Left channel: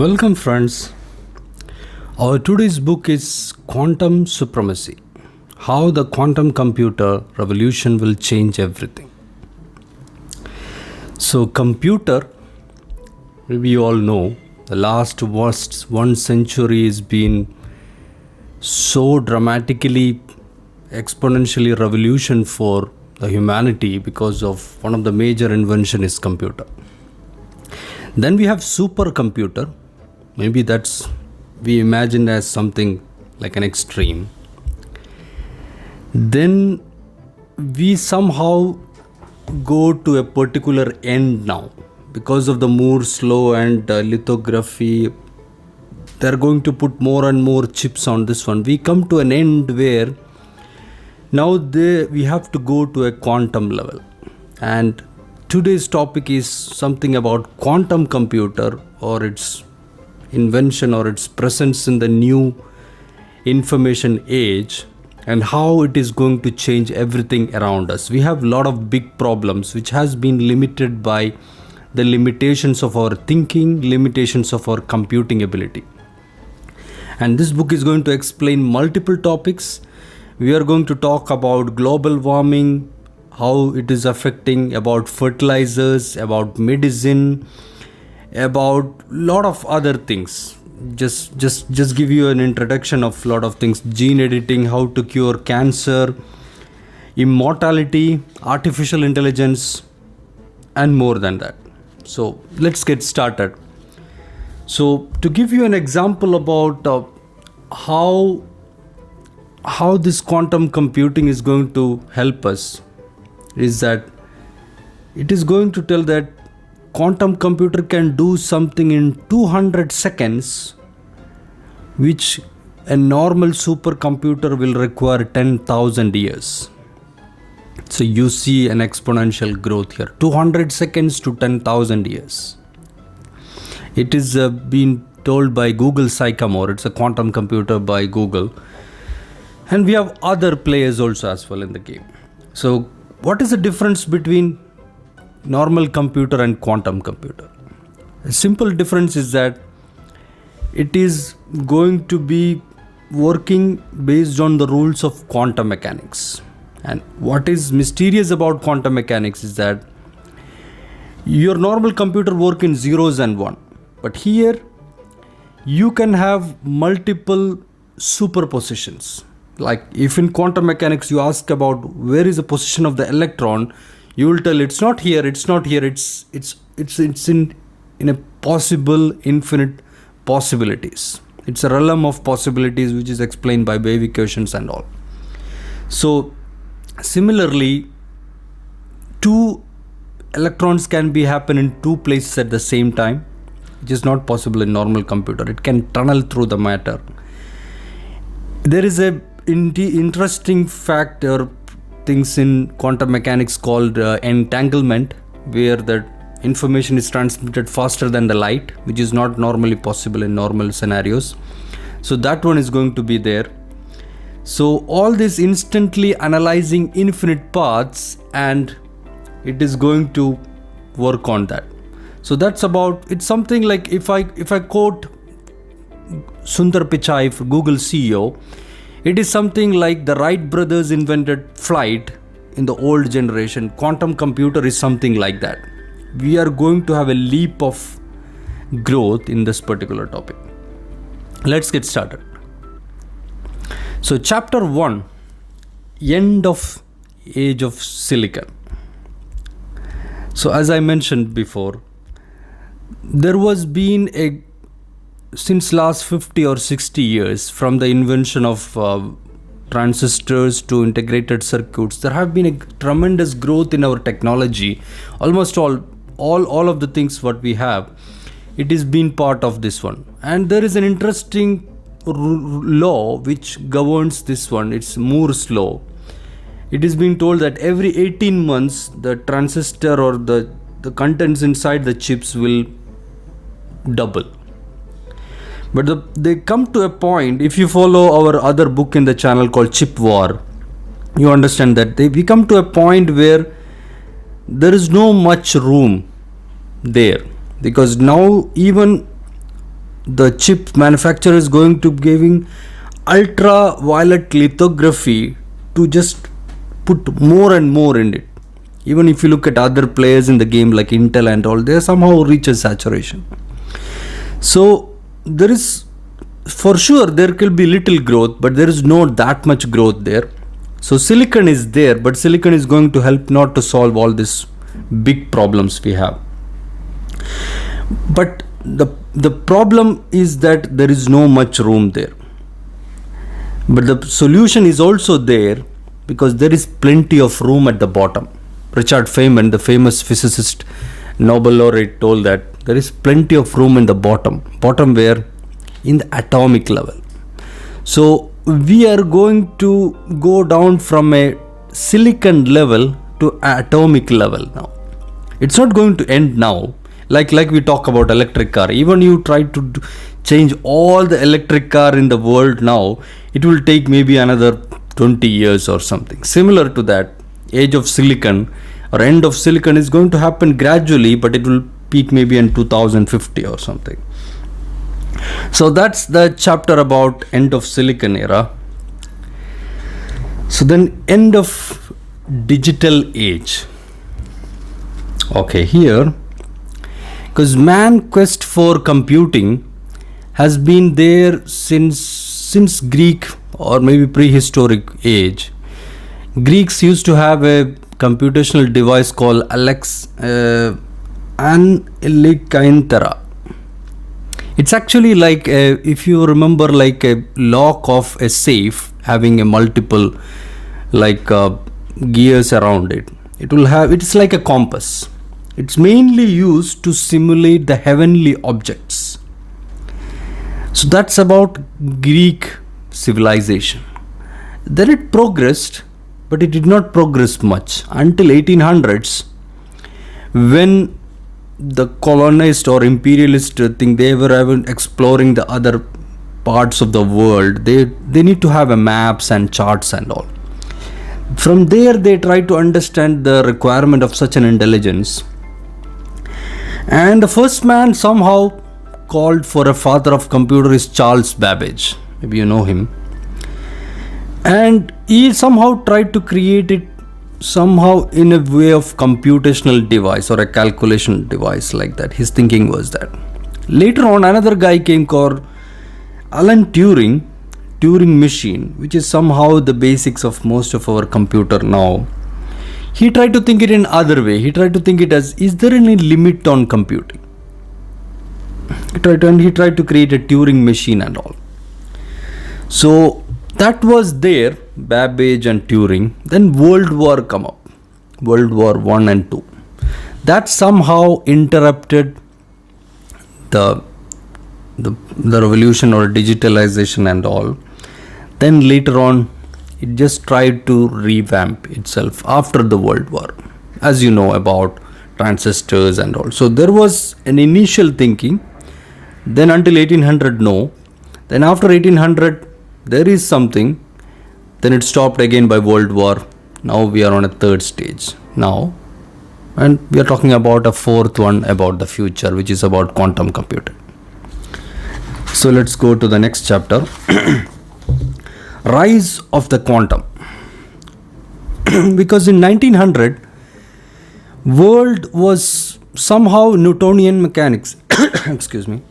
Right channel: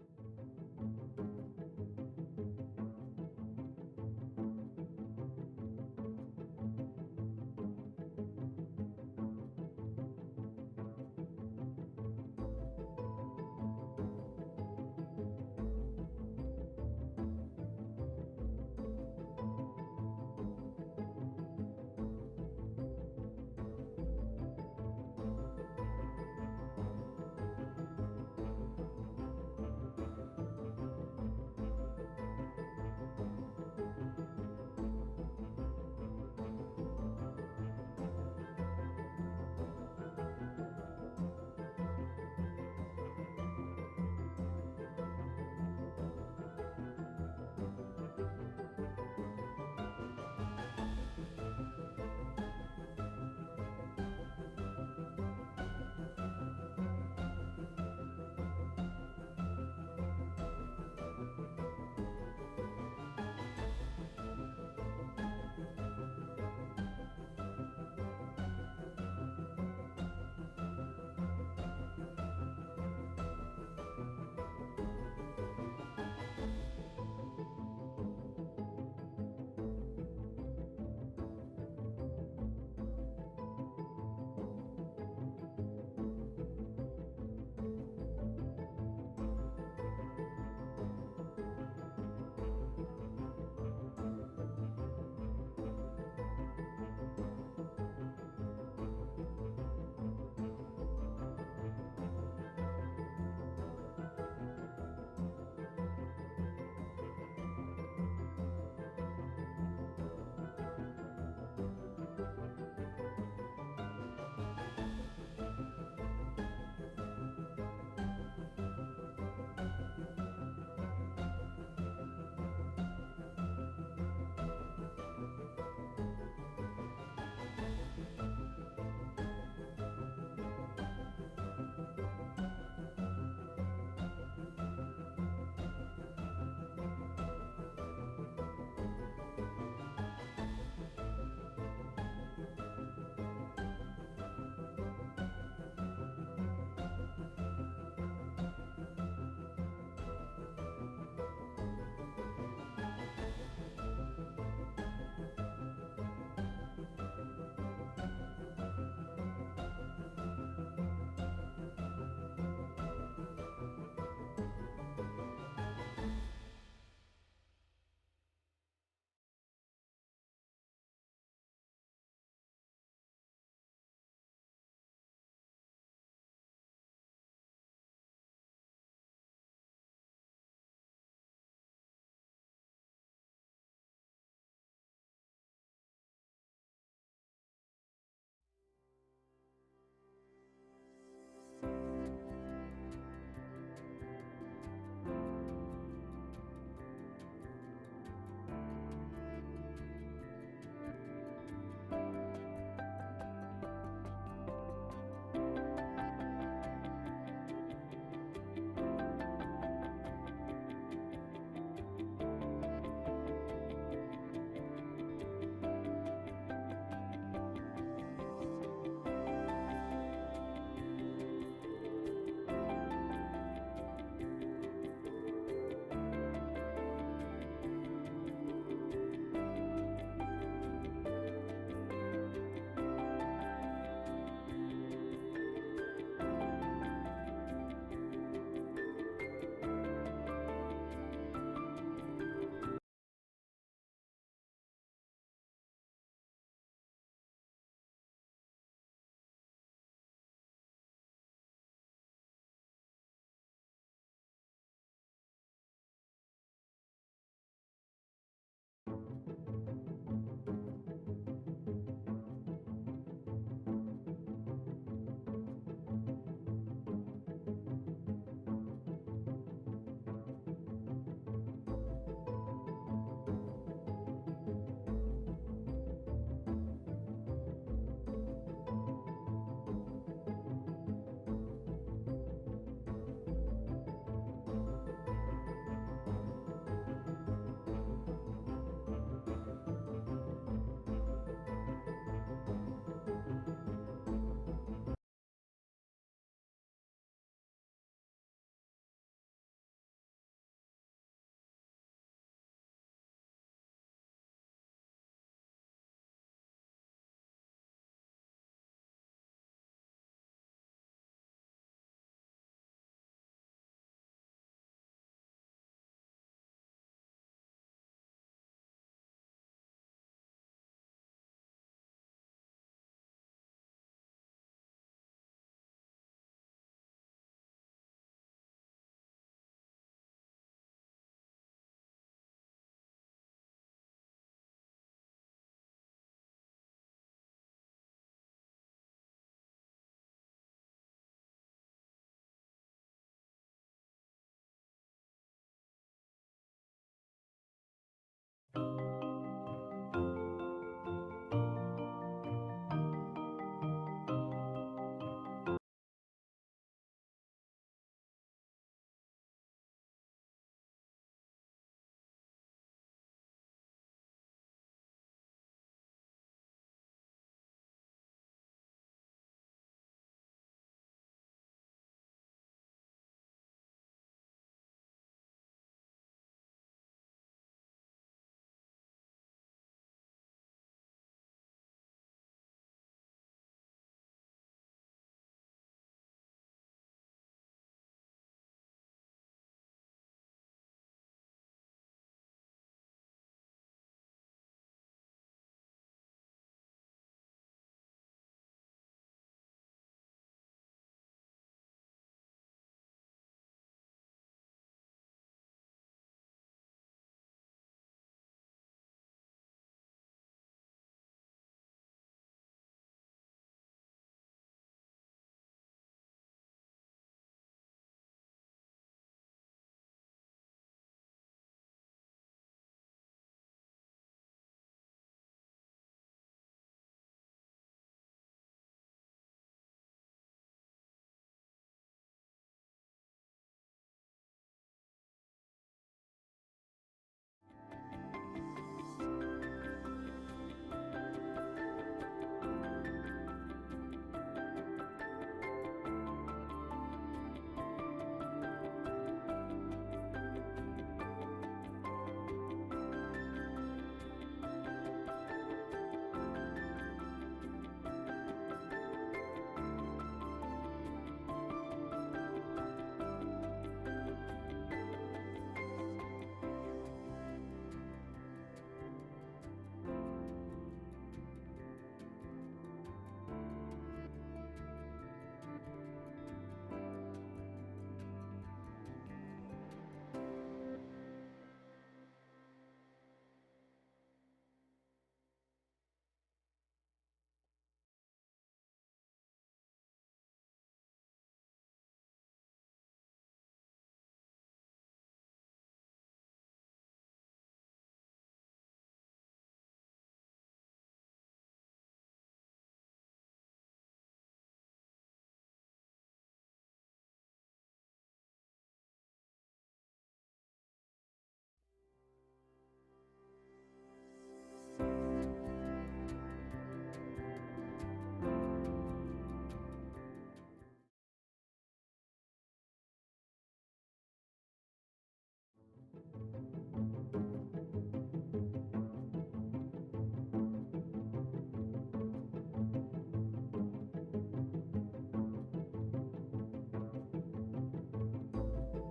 Welcome, friends. Our today's book is Quantum Supremacy: How the Quantum Computer Revolution Will Change Everything. So, computer, we all know, the last one century has been so dramatically, exponentially revolution for the humanity because of one of the major invention is computer. Then we have supercomputer. Maybe that's we imagine as something like an extreme. Then we somehow go to a particular end now because of the Moore's law and lithography. They're going to put more and more chips on this one. We come to an end where now we have to go to a quantum level. And today's topic is something about quantum computer or its invention or its presence in the new information age and how it is going to change everything around us. We have a lot of big problems which has been limited by the limitations of our thinking, limitations of our computing ability. And this book is going to explain multiple topics. We are going to talk about global warming, how it is affecting, about fertilizers, about medicine, about lot of other things. Just give you an introduction of lot of things: gene editing, how to cure cancer, immortality, artificial intelligence, and more than that. So let's get started. So to give you an example about how this quantum computing is going to help us is that it is going to tell that quantum computer can do something in 200 seconds which a normal supercomputer will require 10,000 years. So you see an exponential growth here, 200 seconds to 10,000 years. It is being told by Google Sycamore. It's a quantum computer by Google, and we have other players also as well in the game. So what is the difference between normal computer and quantum computer? A simple difference is that it is going to be working based on the rules of quantum mechanics. And what is mysterious about quantum mechanics is that your normal computer works in zeros and one, but here you can have multiple superpositions. Like if in quantum mechanics you ask about where is the position of the electron, you will tell it's not here, it's not here, it's in a possible infinite possibilities. It's a realm of possibilities which is explained by wave equations and all. So similarly, two electrons can be happen in two places at the same time, which is not possible in normal computer. It can tunnel through the matter. There is a interesting fact or things in quantum mechanics called entanglement, where the information is transmitted faster than the light, which is not normally possible in normal scenarios. So that one is going to be there. So all this instantly analyzing infinite paths, and it is going to work on that. So that's about, it's something like if I quote Sundar Pichai, Google CEO, it is something like the Wright brothers invented flight in the old generation. Quantum computer is something like that. We are going to have a leap of growth in this particular topic. Let's get started. So chapter 1, end of age of silicon. So as I mentioned before, there was been since last 50 or 60 years, from the invention of transistors to integrated circuits, there have been a tremendous growth in our technology. Almost all of the things what we have, it is been part of this one. And there is an interesting law which governs this one. It's Moore's law. It is being told that every 18 months the transistor or the contents inside the chips will double. But they come to a point, if you follow our other book in the channel called Chip War, you understand that we come to a point where there is no much room there, because now even the chip manufacturer is going to giving ultraviolet lithography to just put more and more in it. Even if you look at other players in the game like Intel and all, they somehow reach a saturation. So there is, for sure there will be little growth, but there is not that much growth there. So silicon is there, but silicon is going to help not to solve all these big problems we have. But the problem is that there is no much room there. But the solution is also there, because there is plenty of room at the bottom. Richard Feynman, the famous physicist, Nobel laureate, told that there is plenty of room in the bottom where? In the atomic level. So we are going to go down from a silicon level to atomic level now. It's not going to end now. Like we talk about electric car. Even you try to change all the electric car in the world now, it will take maybe another 20 years or something. Similar to that, age of silicon or end of silicon is going to happen gradually, but it will peak maybe in 2050 or something. So that's the chapter about end of silicon era. So then end of digital age. Okay, here, because man quest for computing has been there since Greek or maybe prehistoric age. Greeks used to have a computational device called Anelikainthera. It's actually like if you remember, like a lock of a safe having a multiple gears around it. It's like a compass. It's mainly used to simulate the heavenly objects. So that's about Greek civilization. Then it progressed, but it did not progress much until 1800s, when the colonist or imperialist thing, they were exploring the other parts of the world. They need to have a maps and charts and all. From there they try to understand the requirement of such an intelligence. And the first man somehow called for a father of computer is Charles Babbage. Maybe you know him. And he somehow tried to create it somehow in a way of computational device or a calculation device like that. His thinking was that. Later on, another guy came called Alan Turing machine, which is somehow the basics of most of our computer now. He tried to think it in other way. He tried to think it as, is there any limit on computing? He tried to create a Turing machine and all. So that was there, Babbage and Turing. Then World War come up, World War I and II. That somehow interrupted the revolution or digitalization and all. Then later on, it just tried to revamp itself after the World War, as you know about transistors and all. So there was an initial thinking. Then until 1800, no. Then after 1800, there is something. Then it stopped again by World War. Now we are on a third stage now. And we are talking about a fourth one about the future, which is about quantum computing. So let's go to the next chapter. Rise of the quantum. Because in 1900, world was somehow Newtonian mechanics. Excuse me.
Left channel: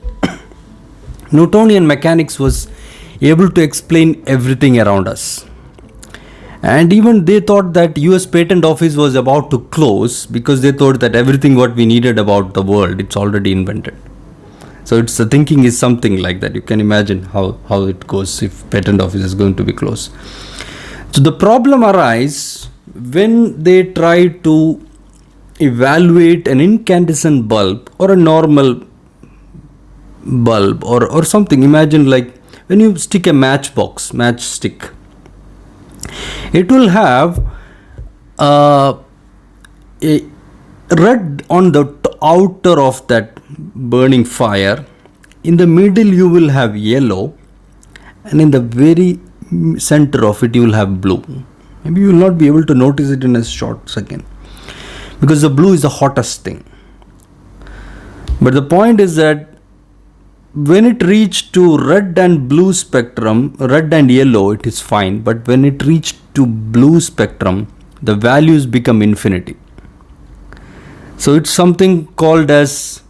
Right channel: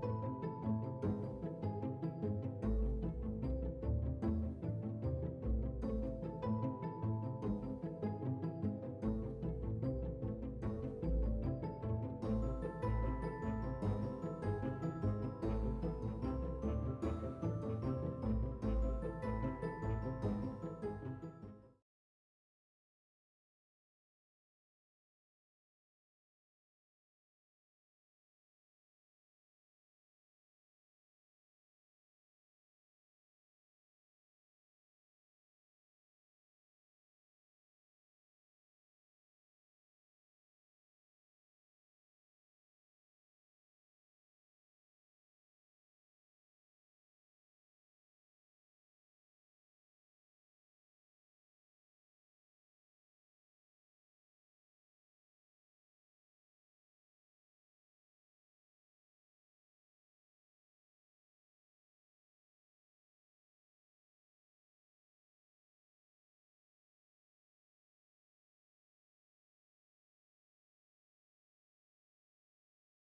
Newtonian mechanics was able to explain everything around us. And even they thought that US Patent Office was about to close, because they thought that everything what we needed about the world, it's already invented. So the thinking is something like that. You can imagine how it goes if Patent Office is going to be closed. So the problem arises when they try to evaluate an incandescent bulb or a normal bulb or something. Imagine like when you stick a matchstick, it will have a red on the outer of that burning fire. In the middle you will have yellow, and in the very center of it you will have blue. Maybe you will not be able to notice it in a short second, because the blue is the hottest thing. But the point is that when it reached to red and blue spectrum, red and yellow, it is fine. But when it reached to blue spectrum, the values become infinity. So it's something called as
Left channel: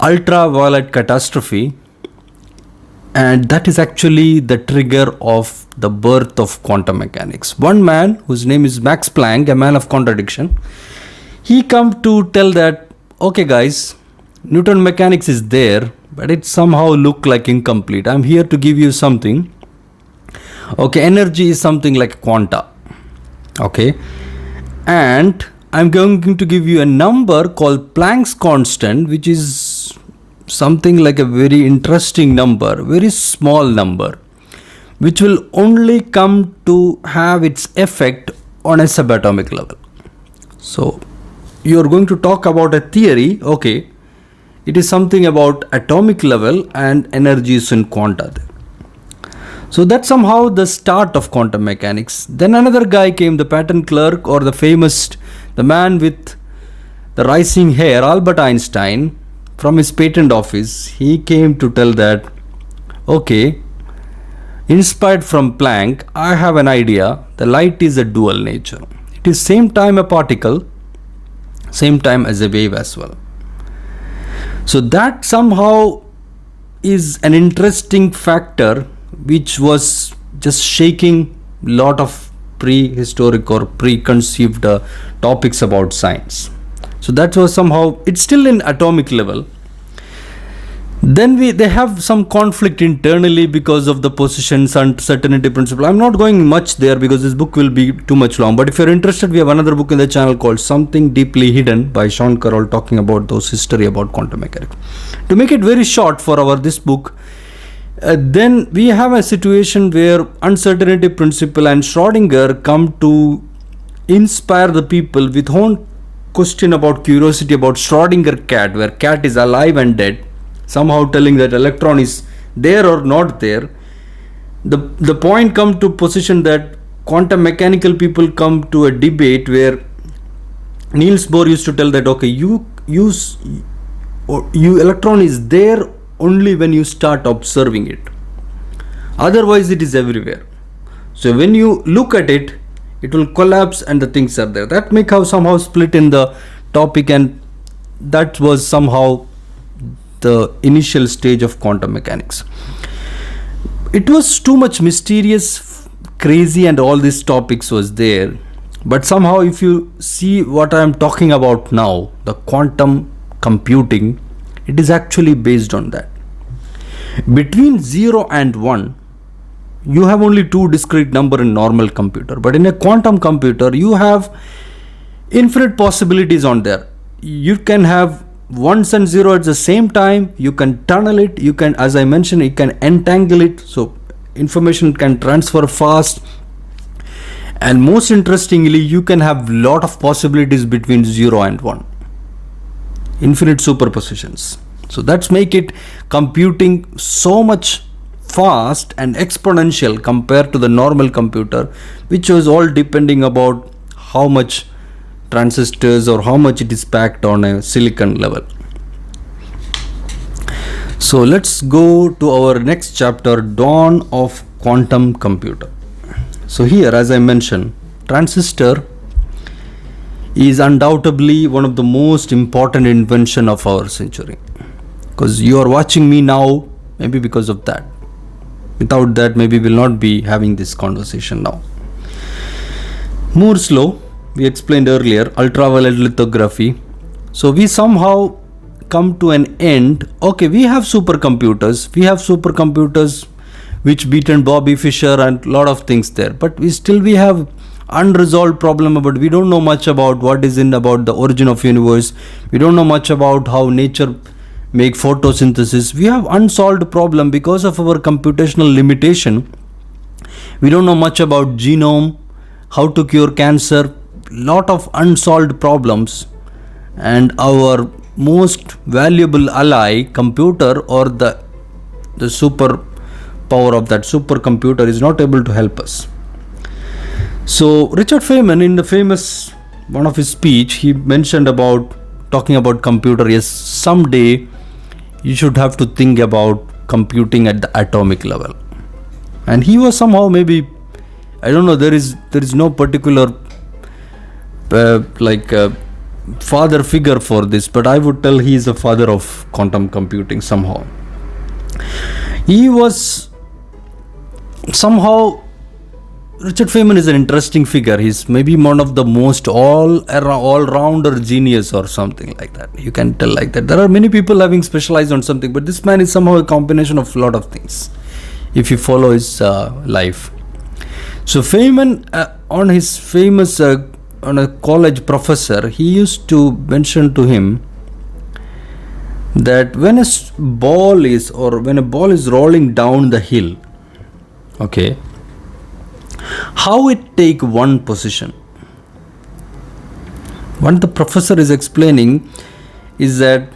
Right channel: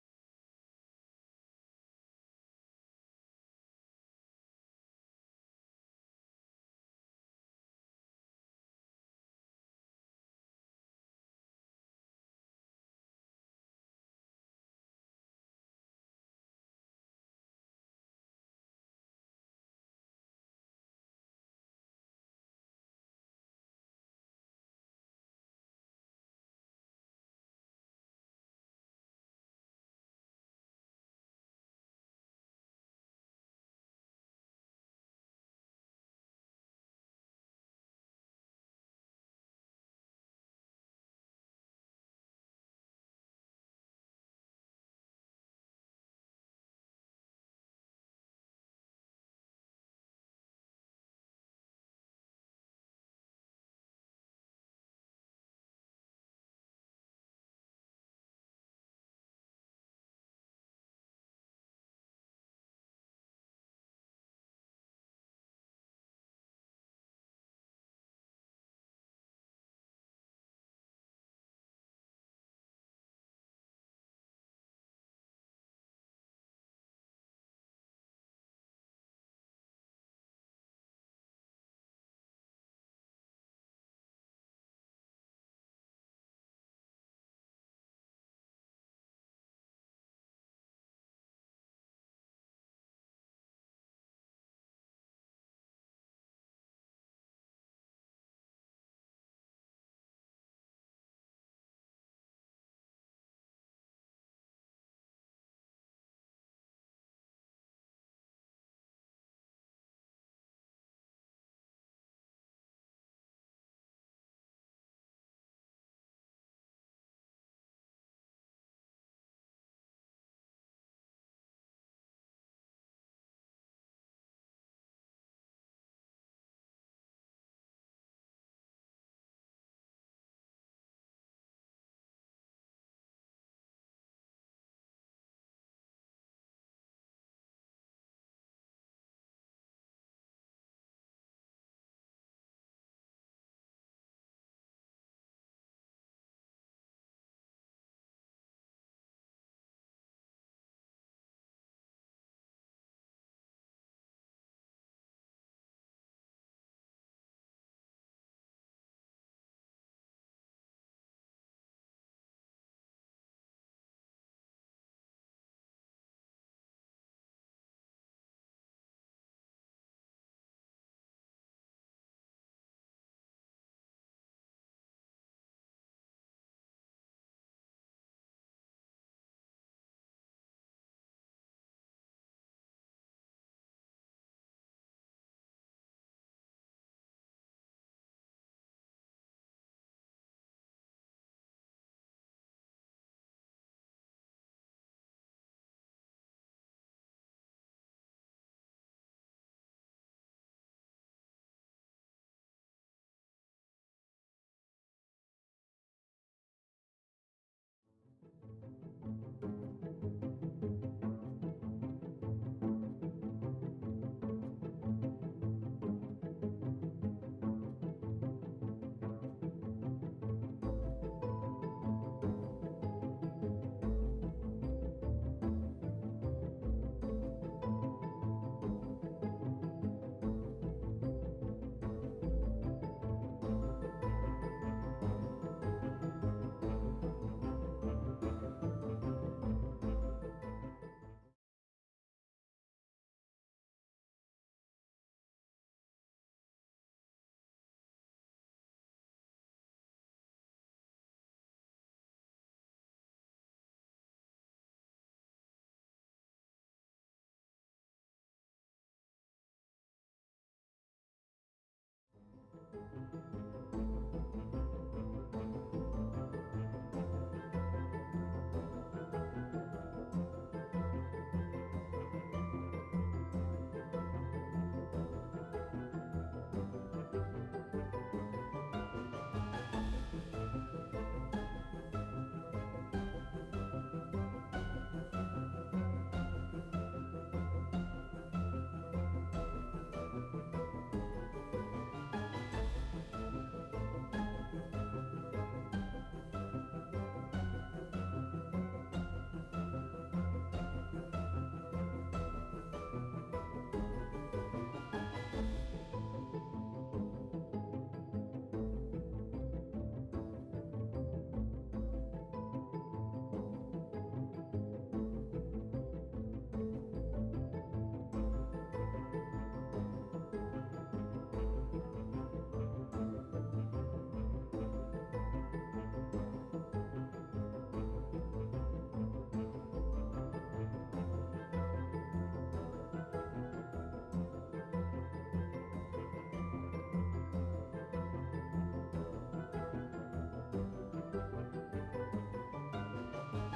ultraviolet catastrophe, and that is actually the trigger of the birth of quantum mechanics. One man, whose name is Max Planck, a man of contradiction, he come to tell that, okay guys, Newton mechanics is there, but it somehow look like incomplete. I'm here to give you something. Okay, energy is something like quanta. Okay, and I'm going to give you a number called Planck's constant, which is something like a very interesting number, very small number, which will only come to have its effect on a subatomic level. So you're going to talk about a theory, okay, it is something about atomic level and energy is in quanta. So that's somehow the start of quantum mechanics. Then another guy came, the patent clerk, or the man with the rising hair, Albert Einstein, from his patent office. He came to tell that, okay, inspired from Planck, I have an idea. The light is a dual nature. It is same time a particle, same time as a wave as well. So that somehow is an interesting factor which was just shaking lot of prehistoric or preconceived topics about science. So that was somehow, it's still in atomic level. Then they have some conflict internally because of the positions and certainty principle. I'm not going much there because this book will be too much long. But if you're interested, we have another book in the channel called Something Deeply Hidden by Sean Carroll, talking about those history about quantum mechanics. To make it very short for this book, then we have a situation where uncertainty principle and Schrodinger come to inspire the people with own question about curiosity about Schrodinger cat, where cat is alive and dead, somehow telling that electron is there or not there. The point come to position that quantum mechanical people come to a debate where Niels Bohr used to tell that, okay, you electron is there only when you start observing it, otherwise it is everywhere. So when you look at it, it will collapse and the things are there. That make how somehow split in the topic, and that was somehow the initial stage of quantum mechanics. It was too much mysterious, crazy, and all these topics was there. But somehow if you see what I am talking about now, the quantum computing, it is actually based on that. Between 0 and 1, you have only two discrete number in normal computer, but in a quantum computer you have infinite possibilities on there. You can have ones and zero at the same time, you can tunnel it, you can, as I mentioned, you can entangle it, so information can transfer fast, and most interestingly you can have lot of possibilities between 0 and 1, infinite superpositions. So that's make it computing so much fast and exponential compared to the normal computer, which was all depending about how much transistors or how much it is packed on a silicon level. So let's go to our next chapter, Dawn of Quantum Computer. So here, as I mentioned, transistor is undoubtedly one of the most important invention of our century, because you are watching me now maybe because of that. Without that, maybe we'll not be having this conversation now. Moore's law, we explained earlier, ultraviolet lithography. So we somehow come to an end. Okay, we have supercomputers which beaten Bobby Fischer and lot of things there, but we have unresolved problem about, we don't know much about what is in about the origin of universe. We don't know much about how nature make photosynthesis. We have unsolved problem because of our computational limitation. We don't know much about genome, how to cure cancer, lot of unsolved problems, and our most valuable ally, computer, or the super power of that supercomputer, is not able to help us. So Richard Feynman, in the famous one of his speech, he mentioned about talking about computer. Yes, someday you should have to think about computing at the atomic level. And he was somehow, maybe, I don't know, there is no particular father figure for this, but I would tell he is a father of quantum computing somehow. He was somehow, Richard Feynman is an interesting figure. He's maybe one of the most all-rounder genius or something like that. You can tell like that. There are many people having specialized on something, but this man is somehow a combination of a lot of things, if you follow his life. So Feynman, on his famous, on a college professor, he used to mention to him that when a ball is rolling down the hill, okay, how it take one position. What the professor is explaining is that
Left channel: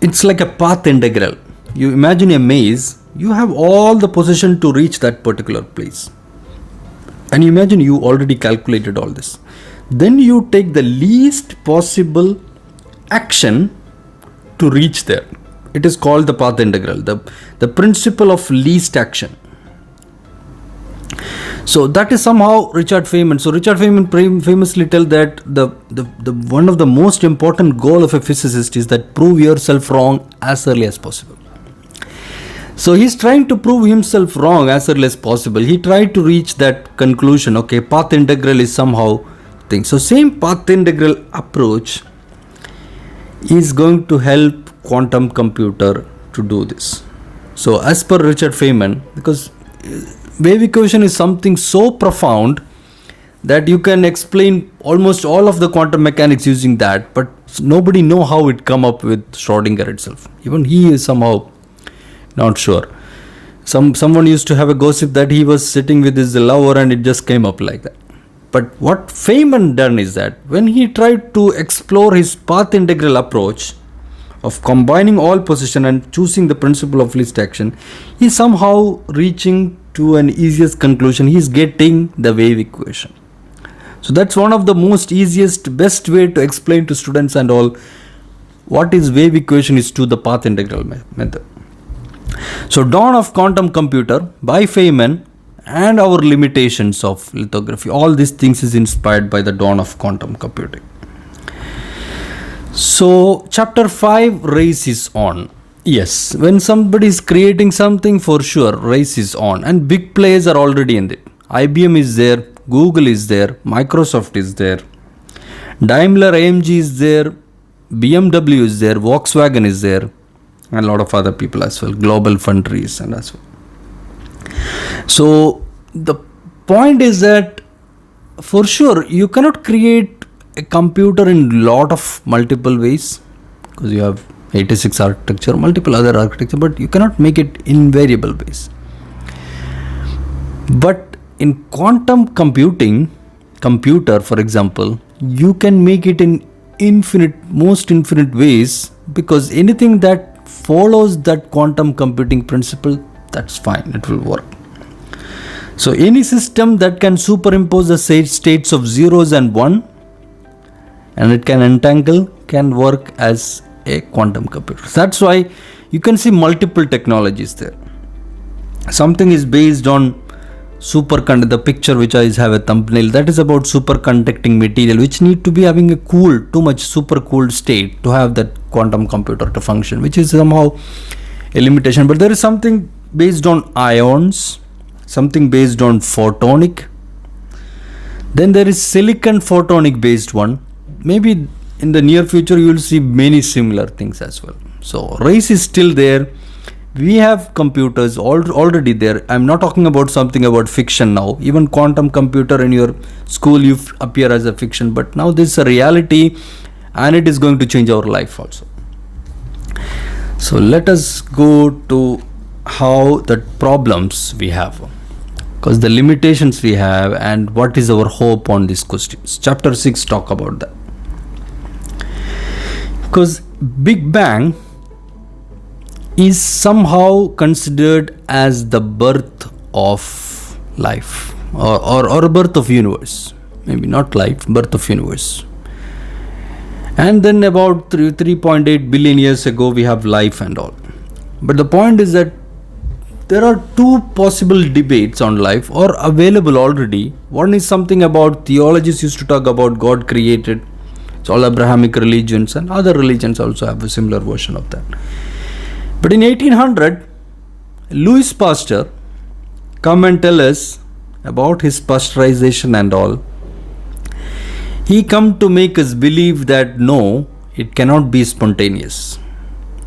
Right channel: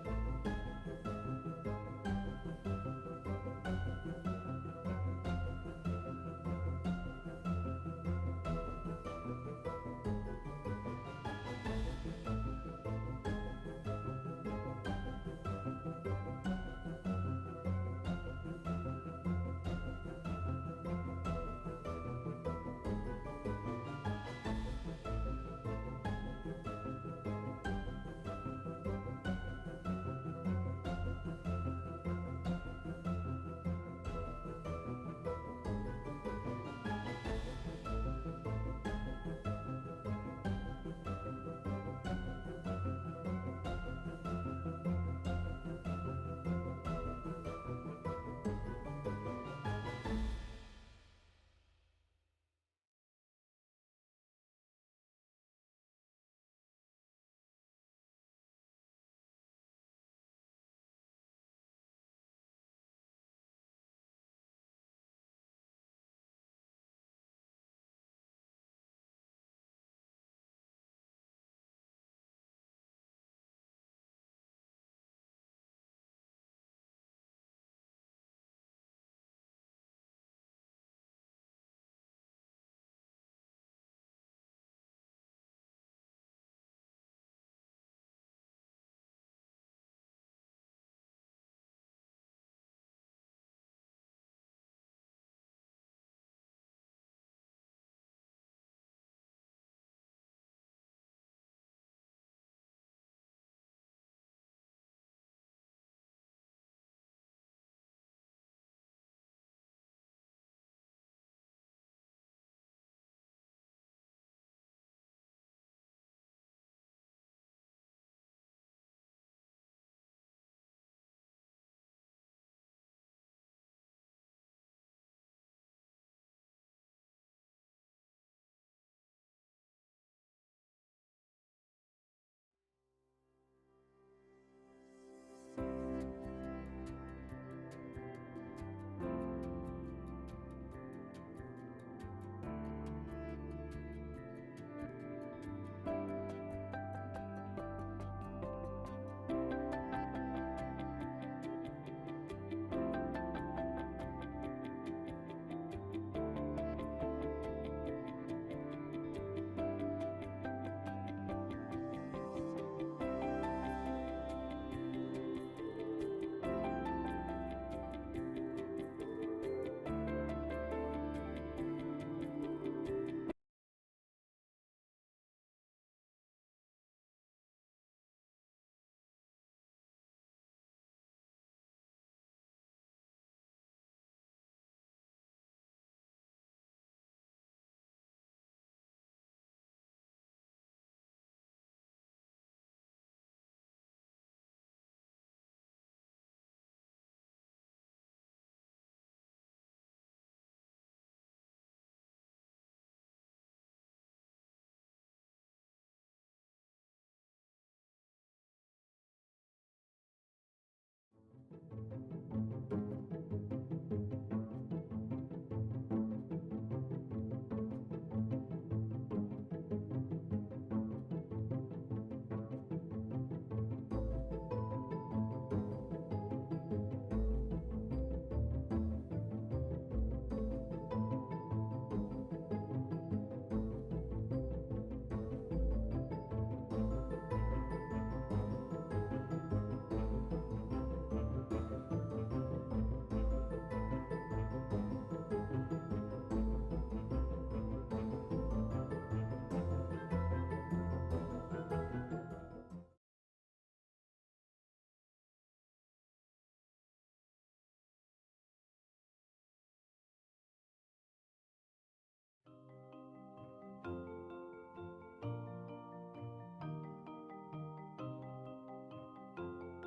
it's like a path integral. You imagine a maze, you have all the position to reach that particular place. And you imagine you already calculated all this. Then you take the least possible action to reach there. It is called the path integral, the principle of least action. So that is somehow Richard Feynman. So Richard Feynman famously tells that the one of the most important goal of a physicist is that prove yourself wrong as early as possible. So he's trying to prove himself wrong as early as possible. He tried to reach that conclusion. Okay, path integral is somehow thing. So same path integral approach is going to help quantum computer to do this. So as per Richard Feynman, because wave equation is something so profound that you can explain almost all of the quantum mechanics using that, but nobody know how it come up with Schrodinger itself. Even he is somehow not sure. Someone used to have a gossip that he was sitting with his lover and it just came up like that. But what Feynman done is that when he tried to explore his path integral approach of combining all position and choosing the principle of least action, he somehow reaching to an easiest conclusion. He is getting the wave equation. So that's one of the most easiest, best way to explain to students and all what is wave equation is to the path integral method. So dawn of quantum computer by Feynman and our limitations of lithography, all these things is inspired by the dawn of quantum computing. So chapter 5, race is on. Yes, when somebody is creating something, for sure race is on, and big players are already in it. IBM is there, Google is there, Microsoft is there, Daimler AMG is there, BMW is there, Volkswagen is there, and a lot of other people as well, Global Foundries and as well. So the point is that for sure you cannot create a computer in lot of multiple ways, because you have 86 architecture, multiple other architecture, but you cannot make it in variable ways. But in quantum computing, computer for example, you can make it in most infinite ways, because anything that follows that quantum computing principle, that's fine, it will work. So any system that can superimpose the states of zeros and one and it can entangle can work as a quantum computer. That's why you can see multiple technologies there. Something is based on the picture which I have a thumbnail, that is about superconducting material, which need to be having a too much super cooled state to have that quantum computer to function, which is somehow a limitation. But there is something based on ions, something based on photonic, then there is silicon photonic based one. Maybe in the near future you will see many similar things as well. So race is still there. We have computers already there. I'm not talking about something about fiction now. Even quantum computer in your school you appear as a fiction, but now this is a reality and it is going to change our life also. So let us go to how the problems we have, because the limitations we have and what is our hope on these questions. Chapter 6 talk about that. Because Big Bang is somehow considered as the birth of life or birth of universe. Maybe not life, birth of universe. And then about 3.8 billion years ago, we have life and all. But the point is that there are two possible debates on life or available already. One is something about theologists used to talk about God created. It's all Abrahamic religions, and other religions also have a similar version of that. But in 1800, Louis Pasteur come and tell us about his pasteurization and all. He come to make us believe that no, it cannot be spontaneous.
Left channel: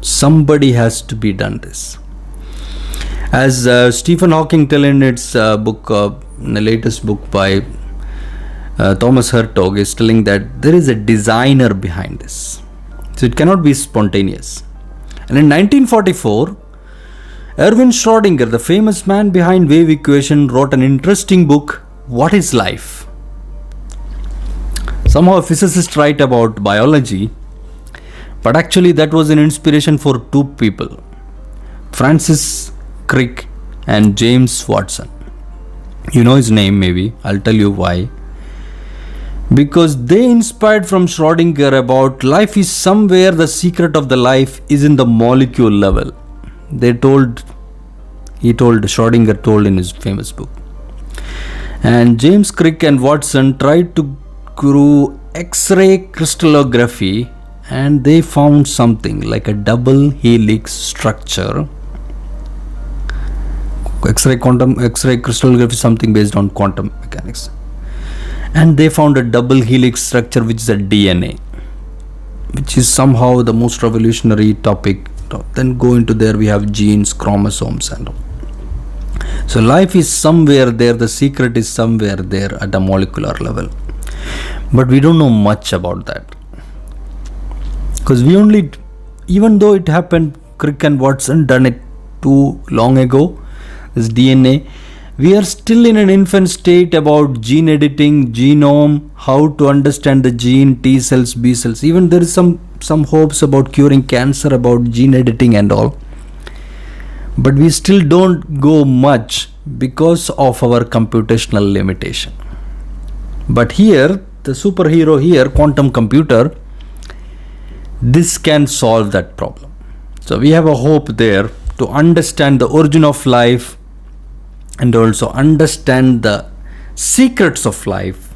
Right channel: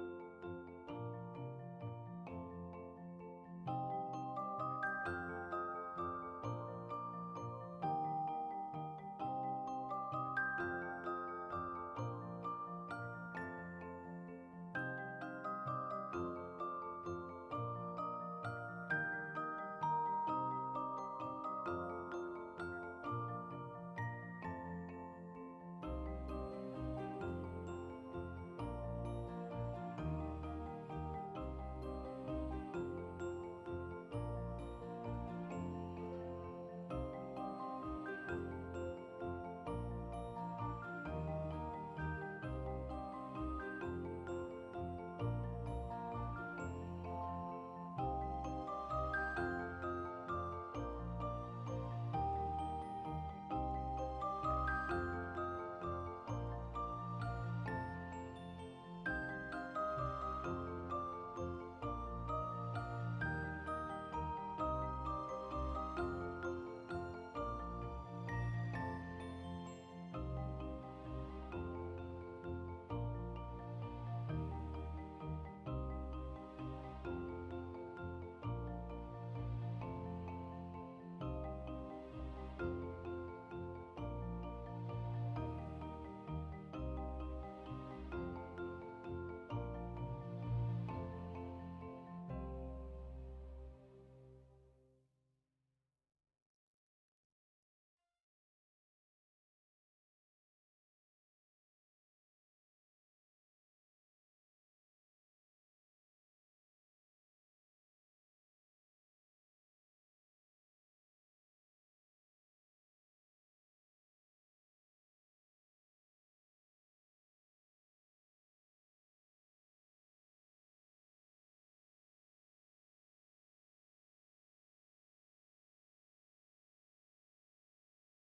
Somebody has to be done this. As Stephen Hawking tell in its book, in the latest book by Thomas Hertog, is telling that there is a designer behind this. So it cannot be spontaneous. And in 1944, Erwin Schrödinger, the famous man behind wave equation, wrote an interesting book, What is Life? Somehow a physicist write about biology, but actually that was an inspiration for two people, Francis Crick and James Watson. You know his name maybe, I'll tell you why. Because they inspired from Schrödinger about life is somewhere, the secret of the life is in the molecule level. Schrödinger told in his famous book. And James Crick and Watson tried to do X-ray crystallography, and they found something like a double helix structure. X-ray crystallography is something based on quantum mechanics. And they found a double helix structure, which is a DNA, which is somehow the most revolutionary topic. Then go into there, we have genes, chromosomes and all. So life is somewhere there, the secret is somewhere there at a molecular level. But we don't know much about that. Because even though it happened, Crick and Watson done it too long ago, this DNA, we are still in an infant state about gene editing, genome, how to understand the gene, T cells, B cells. Even there is some hopes about curing cancer, about gene editing and all. But we still don't go much because of our computational limitation. But here, the superhero here, quantum computer, this can solve that problem. So we have a hope there to understand the origin of life and also understand the secrets of life.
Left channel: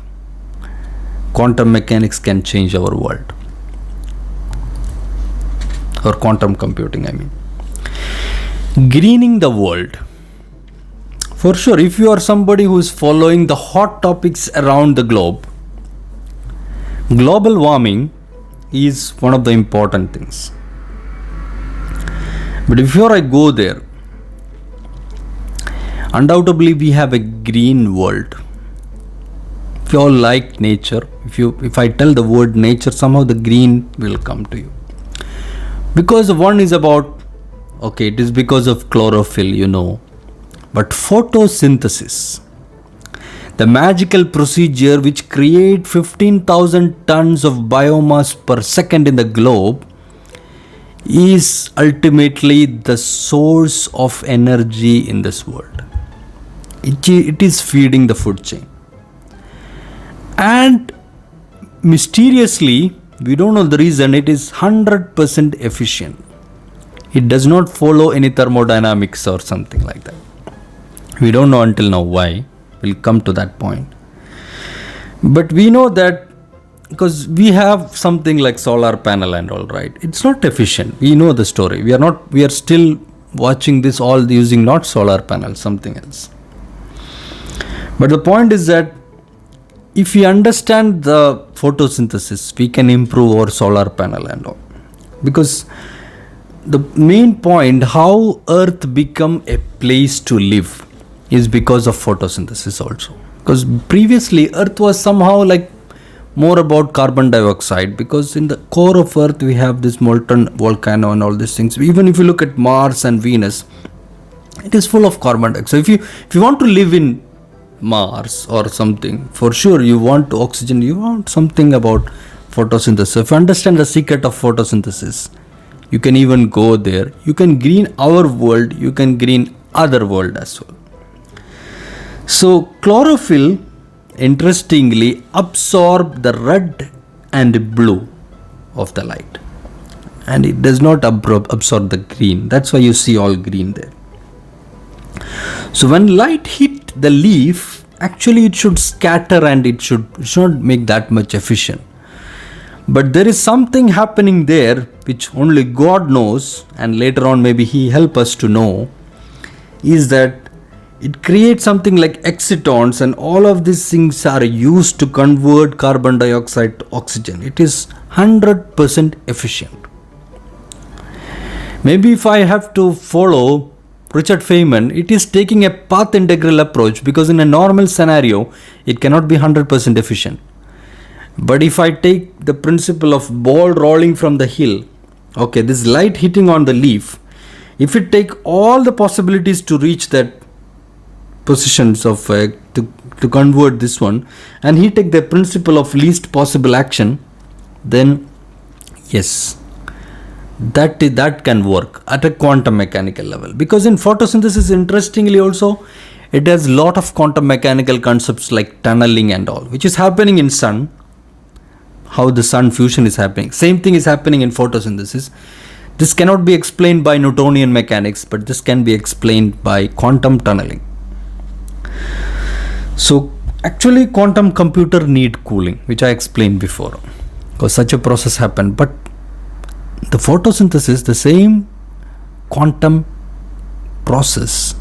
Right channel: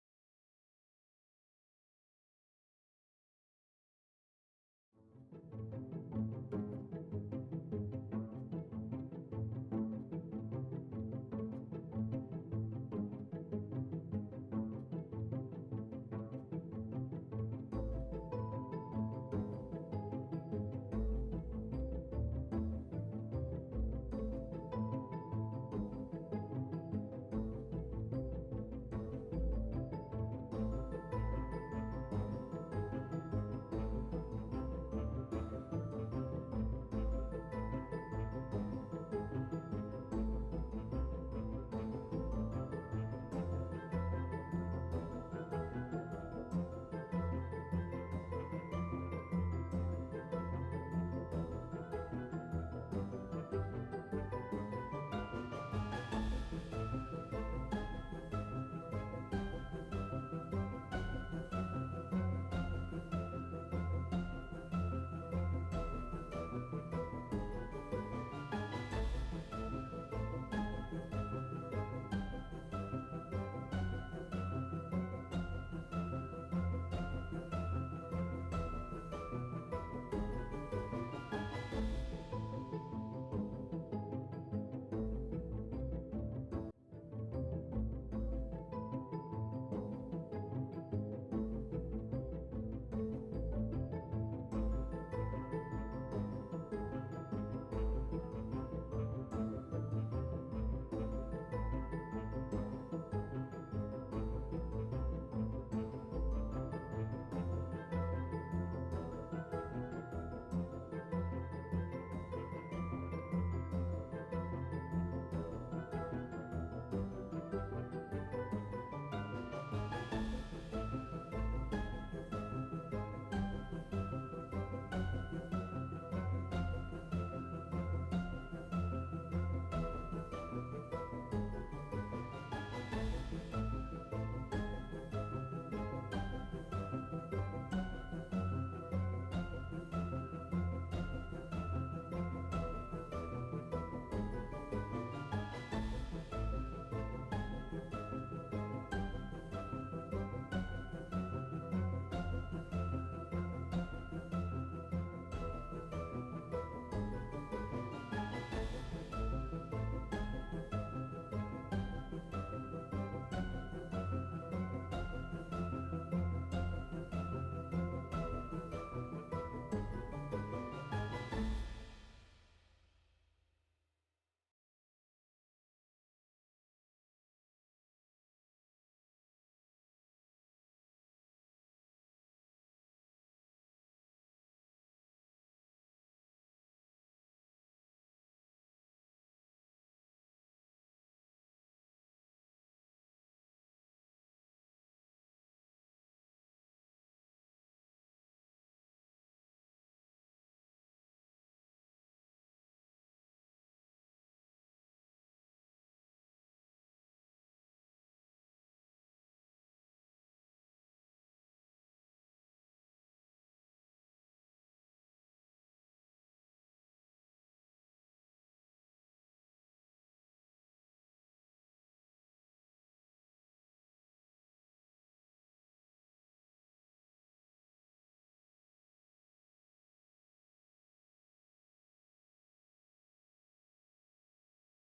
Quantum mechanics can change our world. Or quantum computing, I mean. Greening the world. For sure, if you are somebody who is following the hot topics around the globe, global warming is one of the important things. But before I go there, undoubtedly we have a green world. If you all like nature, if I tell the word nature, somehow the green will come to you. Because one is about, it is because of chlorophyll, but photosynthesis, the magical procedure which create 15,000 tons of biomass per second in the globe, is ultimately the source of energy in this world. It is feeding the food chain. And mysteriously, we don't know the reason, it is 100% efficient. It does not follow any thermodynamics or something like that. We don't know until now why. We'll come to that point. But we know that because we have something like solar panel and all, right? It's not efficient. We know the story. We are still watching this all using not solar panel, something else. But the point is that if we understand the photosynthesis, we can improve our solar panel and all. Because the main point, how Earth become a place to live, is because of photosynthesis also. Because previously Earth was somehow like more about carbon dioxide, because in the core of Earth we have this molten volcano and all these things. Even if you look at Mars and Venus, it is full of carbon dioxide. So if you want to live in Mars or something, for sure you want oxygen, you want something about photosynthesis. So if you understand the secret of photosynthesis, you can even go there. You can green our world, you can green other world as well. So chlorophyll, interestingly, absorb the red and blue of the light, and it does not absorb the green. That's why you see all green there. So when light hit the leaf, actually it should scatter and it should not make that much efficient. But there is something happening there which only God knows, and later on maybe He help us to know, is that it creates something like excitons, and all of these things are used to convert carbon dioxide to oxygen. It is 100% efficient. Maybe if I have to follow Richard Feynman, it is taking a path integral approach, because in a normal scenario, it cannot be 100% efficient. But if I take the principle of ball rolling from the hill, okay, this light hitting on the leaf, if it take all the possibilities to reach that positions of to convert this one, and he take the principle of least possible action, then yes, that can work at a quantum mechanical level. Because in photosynthesis, interestingly also, it has lot of quantum mechanical concepts like tunneling and all, which is happening in sun. How the sun fusion is happening, same thing is happening in photosynthesis. This cannot be explained by Newtonian mechanics, but this can be explained by quantum tunneling. So actually quantum computer need cooling, which I explained before, because such a process happened. But the photosynthesis, the same quantum process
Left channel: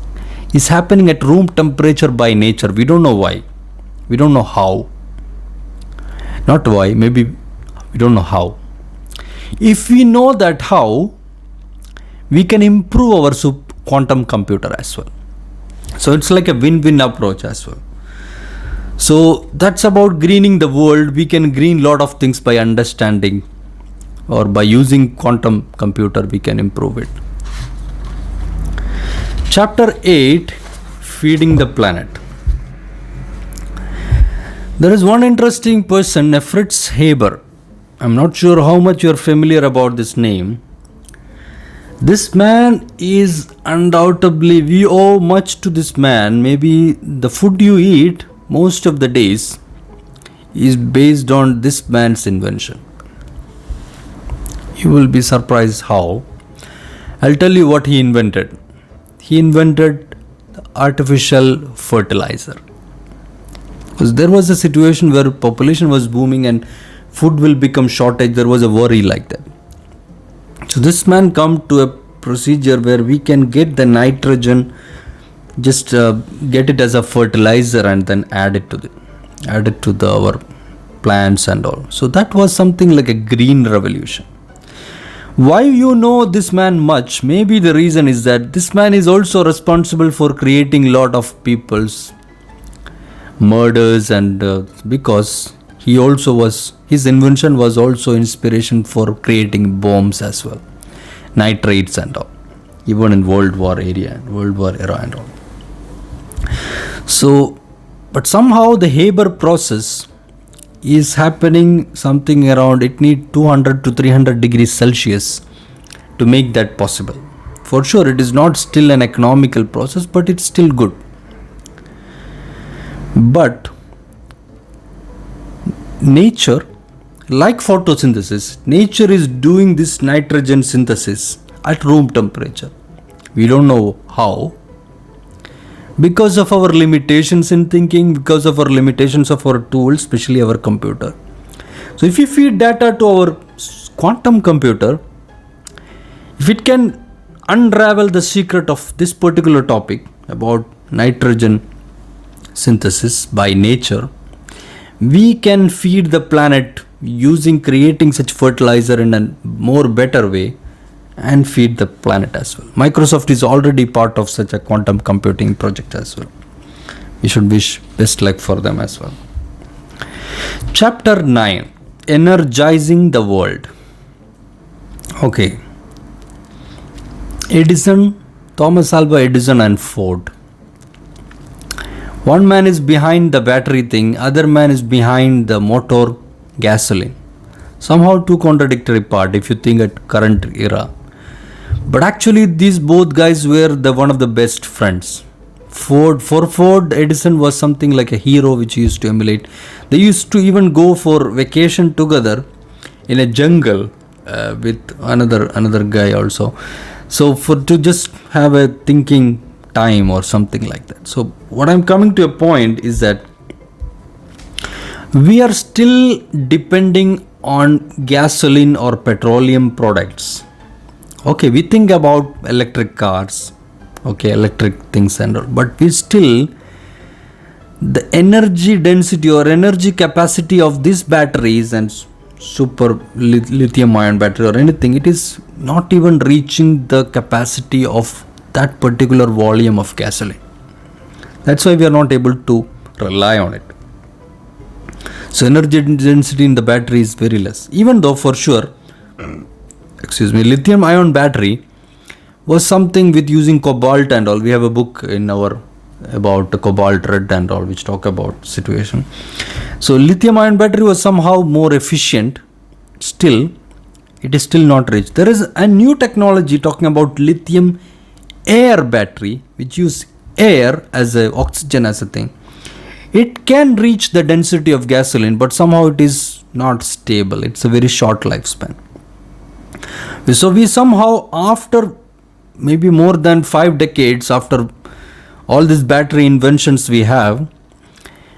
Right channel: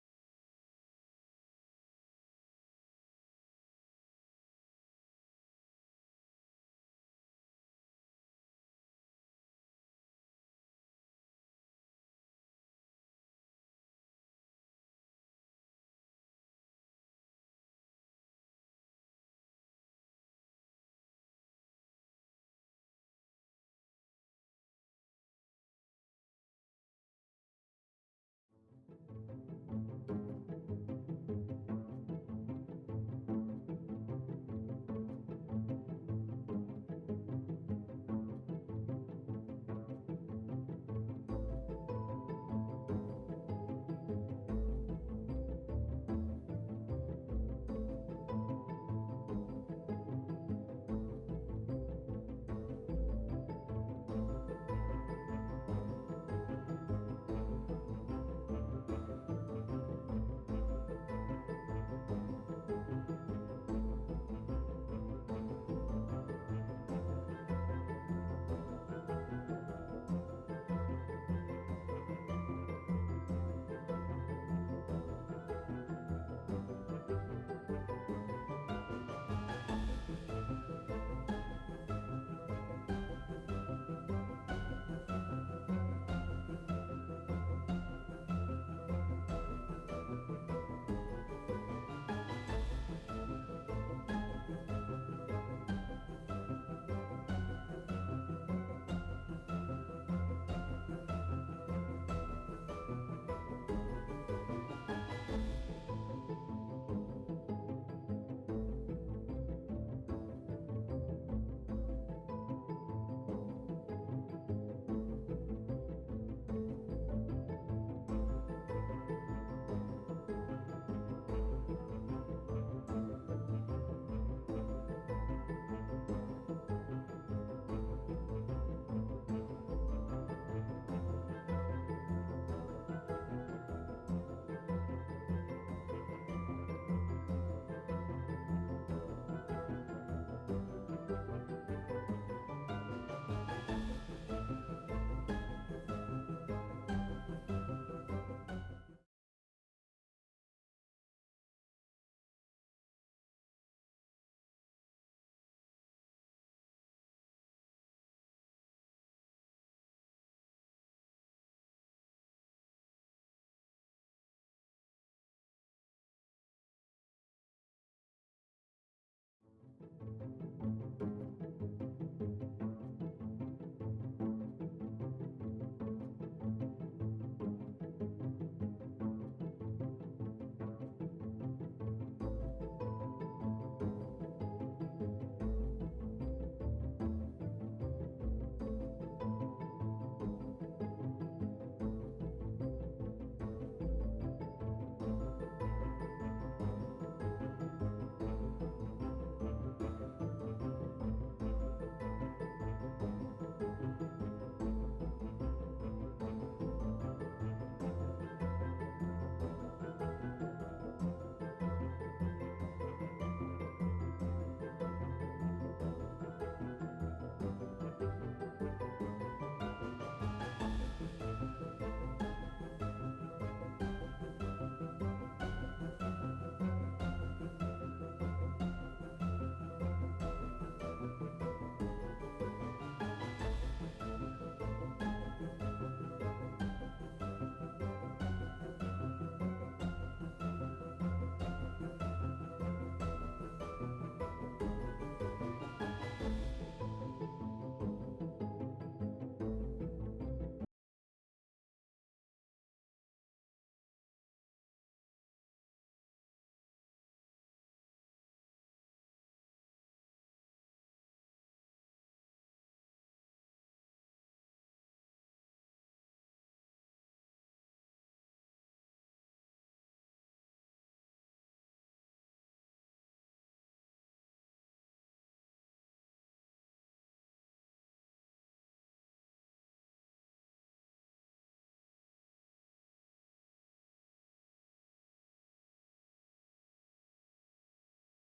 is happening at room temperature by nature. We don't know why, we don't know how. Not why, maybe we don't know how. If we know that how, we can improve our quantum computer as well. So it's like a win-win approach as well. So that's about greening the world. We can green lot of things by understanding, or by using quantum computer we can improve it. Chapter 8, Feeding the Planet. There is one interesting person, Fritz Haber. I'm not sure how much you're familiar about this name. This man is undoubtedly, we owe much to this man. Maybe the food you eat most of the days is based on this man's invention. You will be surprised how. I'll tell you what he invented. He invented artificial fertilizer. Because there was a situation where population was booming and food will become shortage. There was a worry like that. So this man come to a procedure where we can get the nitrogen, just get it as a fertilizer and then add it to our plants and all. So that was something like a green revolution. Why you know this man much? Maybe the reason is that this man is also responsible for creating lot of people's murders, and because his invention was also inspiration for creating bombs as well, nitrates and all, even in World War era and all. So, but somehow the Haber process is happening something around, it need 200 to 300 degrees Celsius to make that possible. For sure, it is not still an economical process, but it's still good. But nature, like photosynthesis, nature is doing this nitrogen synthesis at room temperature. We don't know how. Because of our limitations in thinking, because of our limitations of our tools, especially our computer. So if you feed data to our quantum computer, if it can unravel the secret of this particular topic about nitrogen synthesis by nature, we can feed the planet creating such fertilizer in a more better way and feed the planet as well. Microsoft is already part of such a quantum computing project as well. We should wish best luck for them as well. Chapter 9, Energizing the World. Okay. Edison, Thomas Alva Edison and Ford. One man is behind the battery thing, other man is behind the motor gasoline. Somehow two contradictory part if you think at current era. But actually these both guys were one of the best friends. For Ford, Edison was something like a hero which he used to emulate. They used to even go for vacation together in a jungle with another guy also. So for to just have a thinking time or something like that. So what I'm coming to a point is that we are still depending on gasoline or petroleum products. Okay, we think about electric cars, okay, electric things and all, but we still, the energy density or energy capacity of these batteries and super lithium ion battery or anything, it is not even reaching the capacity of that particular volume of gasoline. That's why we are not able to rely on it. So energy density in the battery is very less, even though for sure lithium ion battery was something with using cobalt and all. We have a book in our about the cobalt red and all, which talk about situation. So lithium ion battery was somehow more efficient. Still, it is still not reached. There is a new technology talking about lithium air battery, which use air as a oxygen as a thing. It can reach the density of gasoline, but somehow it is not stable. It's a very short lifespan. So we somehow, after maybe more than 5 decades after all these battery inventions we have,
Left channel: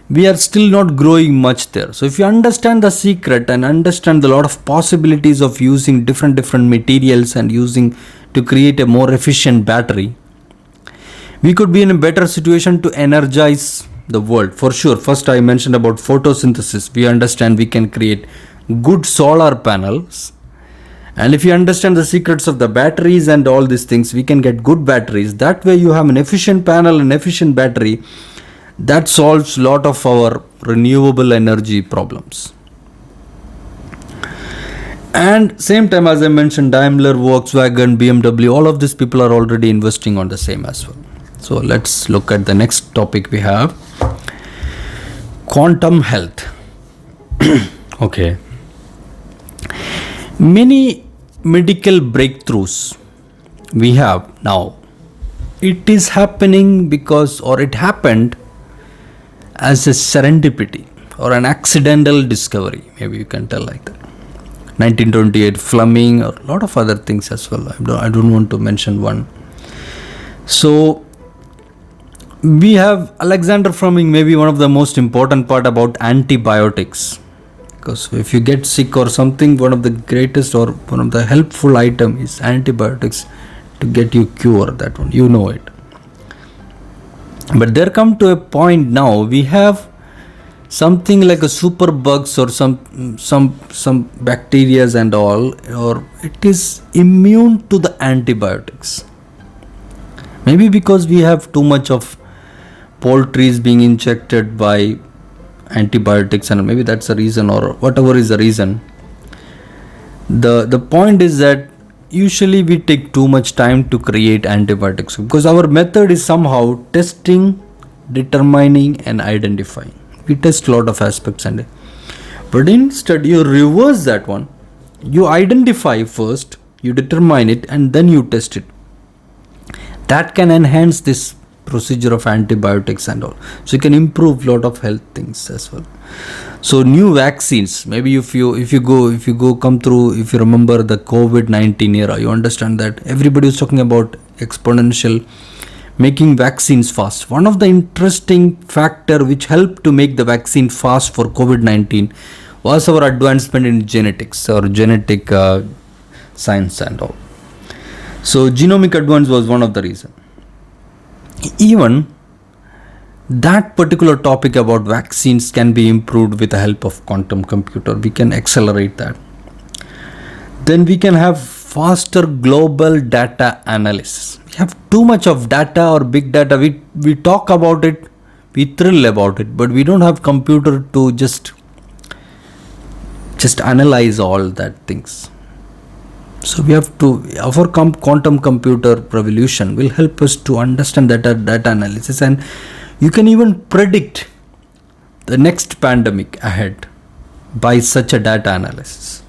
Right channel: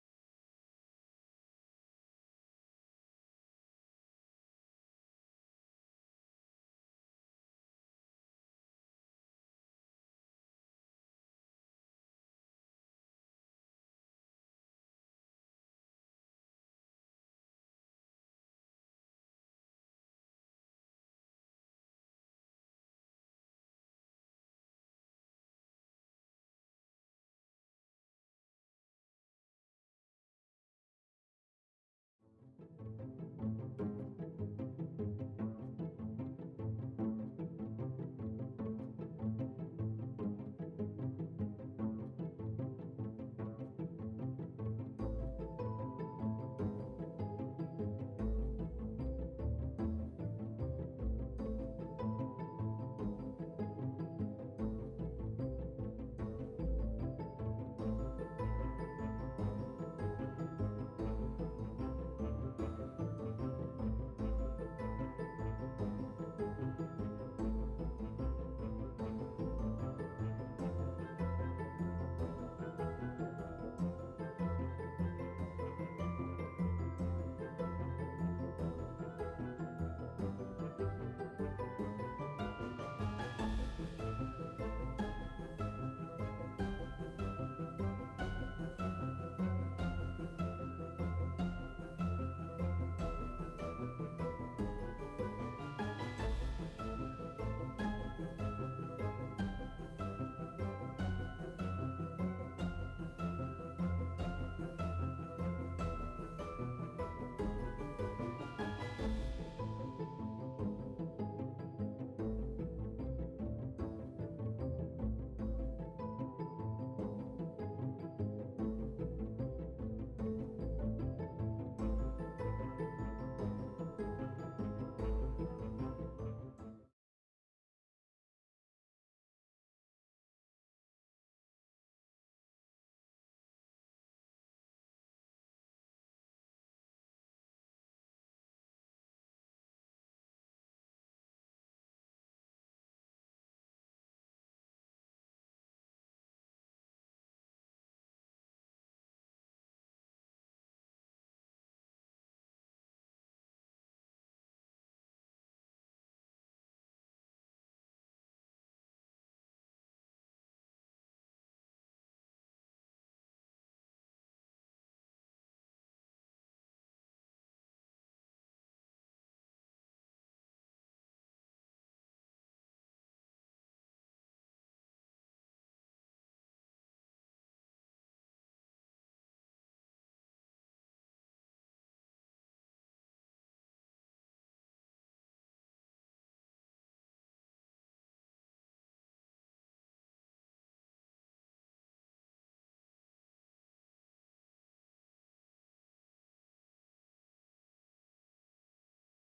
we are still not growing much there. So if you understand the secret and understand the lot of possibilities of using different materials and using to create a more efficient battery, we could be in a better situation to energize the world. For sure, first I mentioned about photosynthesis. We understand we can create good solar panels. And if you understand the secrets of the batteries and all these things, we can get good batteries. That way you have an efficient panel and efficient battery. That solves a lot of our renewable energy problems. And same time, as I mentioned, Daimler, Volkswagen, BMW, all of these people are already investing on the same as well. So let's look at the next topic we have. Quantum health. Okay. Many medical breakthroughs we have now, it is happening because, or it happened as a serendipity or an accidental discovery. Maybe you can tell like that. 1928 Fleming, or a lot of other things as well. I don't want to mention one. So we have Alexander Fleming, maybe one of the most important part about antibiotics. Because if you get sick or something, one of the greatest or one of the helpful item is antibiotics to get you cure that one. You know it. But there come to a point now, we have something like a super bugs or some bacteria and all, or it is immune to the antibiotics. Maybe because we have too much of poultry being injected by antibiotics, and maybe that's the reason, or whatever is the reason. The point is that usually we take too much time to create antibiotics because our method is somehow testing, determining and identifying. We test a lot of aspects, but instead you reverse that one. You identify first, you determine it, and then you test it. That can enhance this procedure of antibiotics and all. So you can improve a lot of health things as well. So new vaccines, maybe if you come through, if you remember the COVID-19 era, you understand that everybody was talking about exponential making vaccines fast. One of the interesting factor which helped to make the vaccine fast for COVID-19 was our advancement in genetics or genetic science and all. So genomic advance was one of the reasons. Even that particular topic about vaccines can be improved with the help of quantum computer. We can accelerate that. Then we can have faster global data analysis. We have too much of data or big data. We talk about it, we thrill about it, but we don't have computer to just analyze all that things. So we have to, our quantum computer revolution will help us to understand data analysis, and you can even predict the next pandemic ahead by such a data analysis.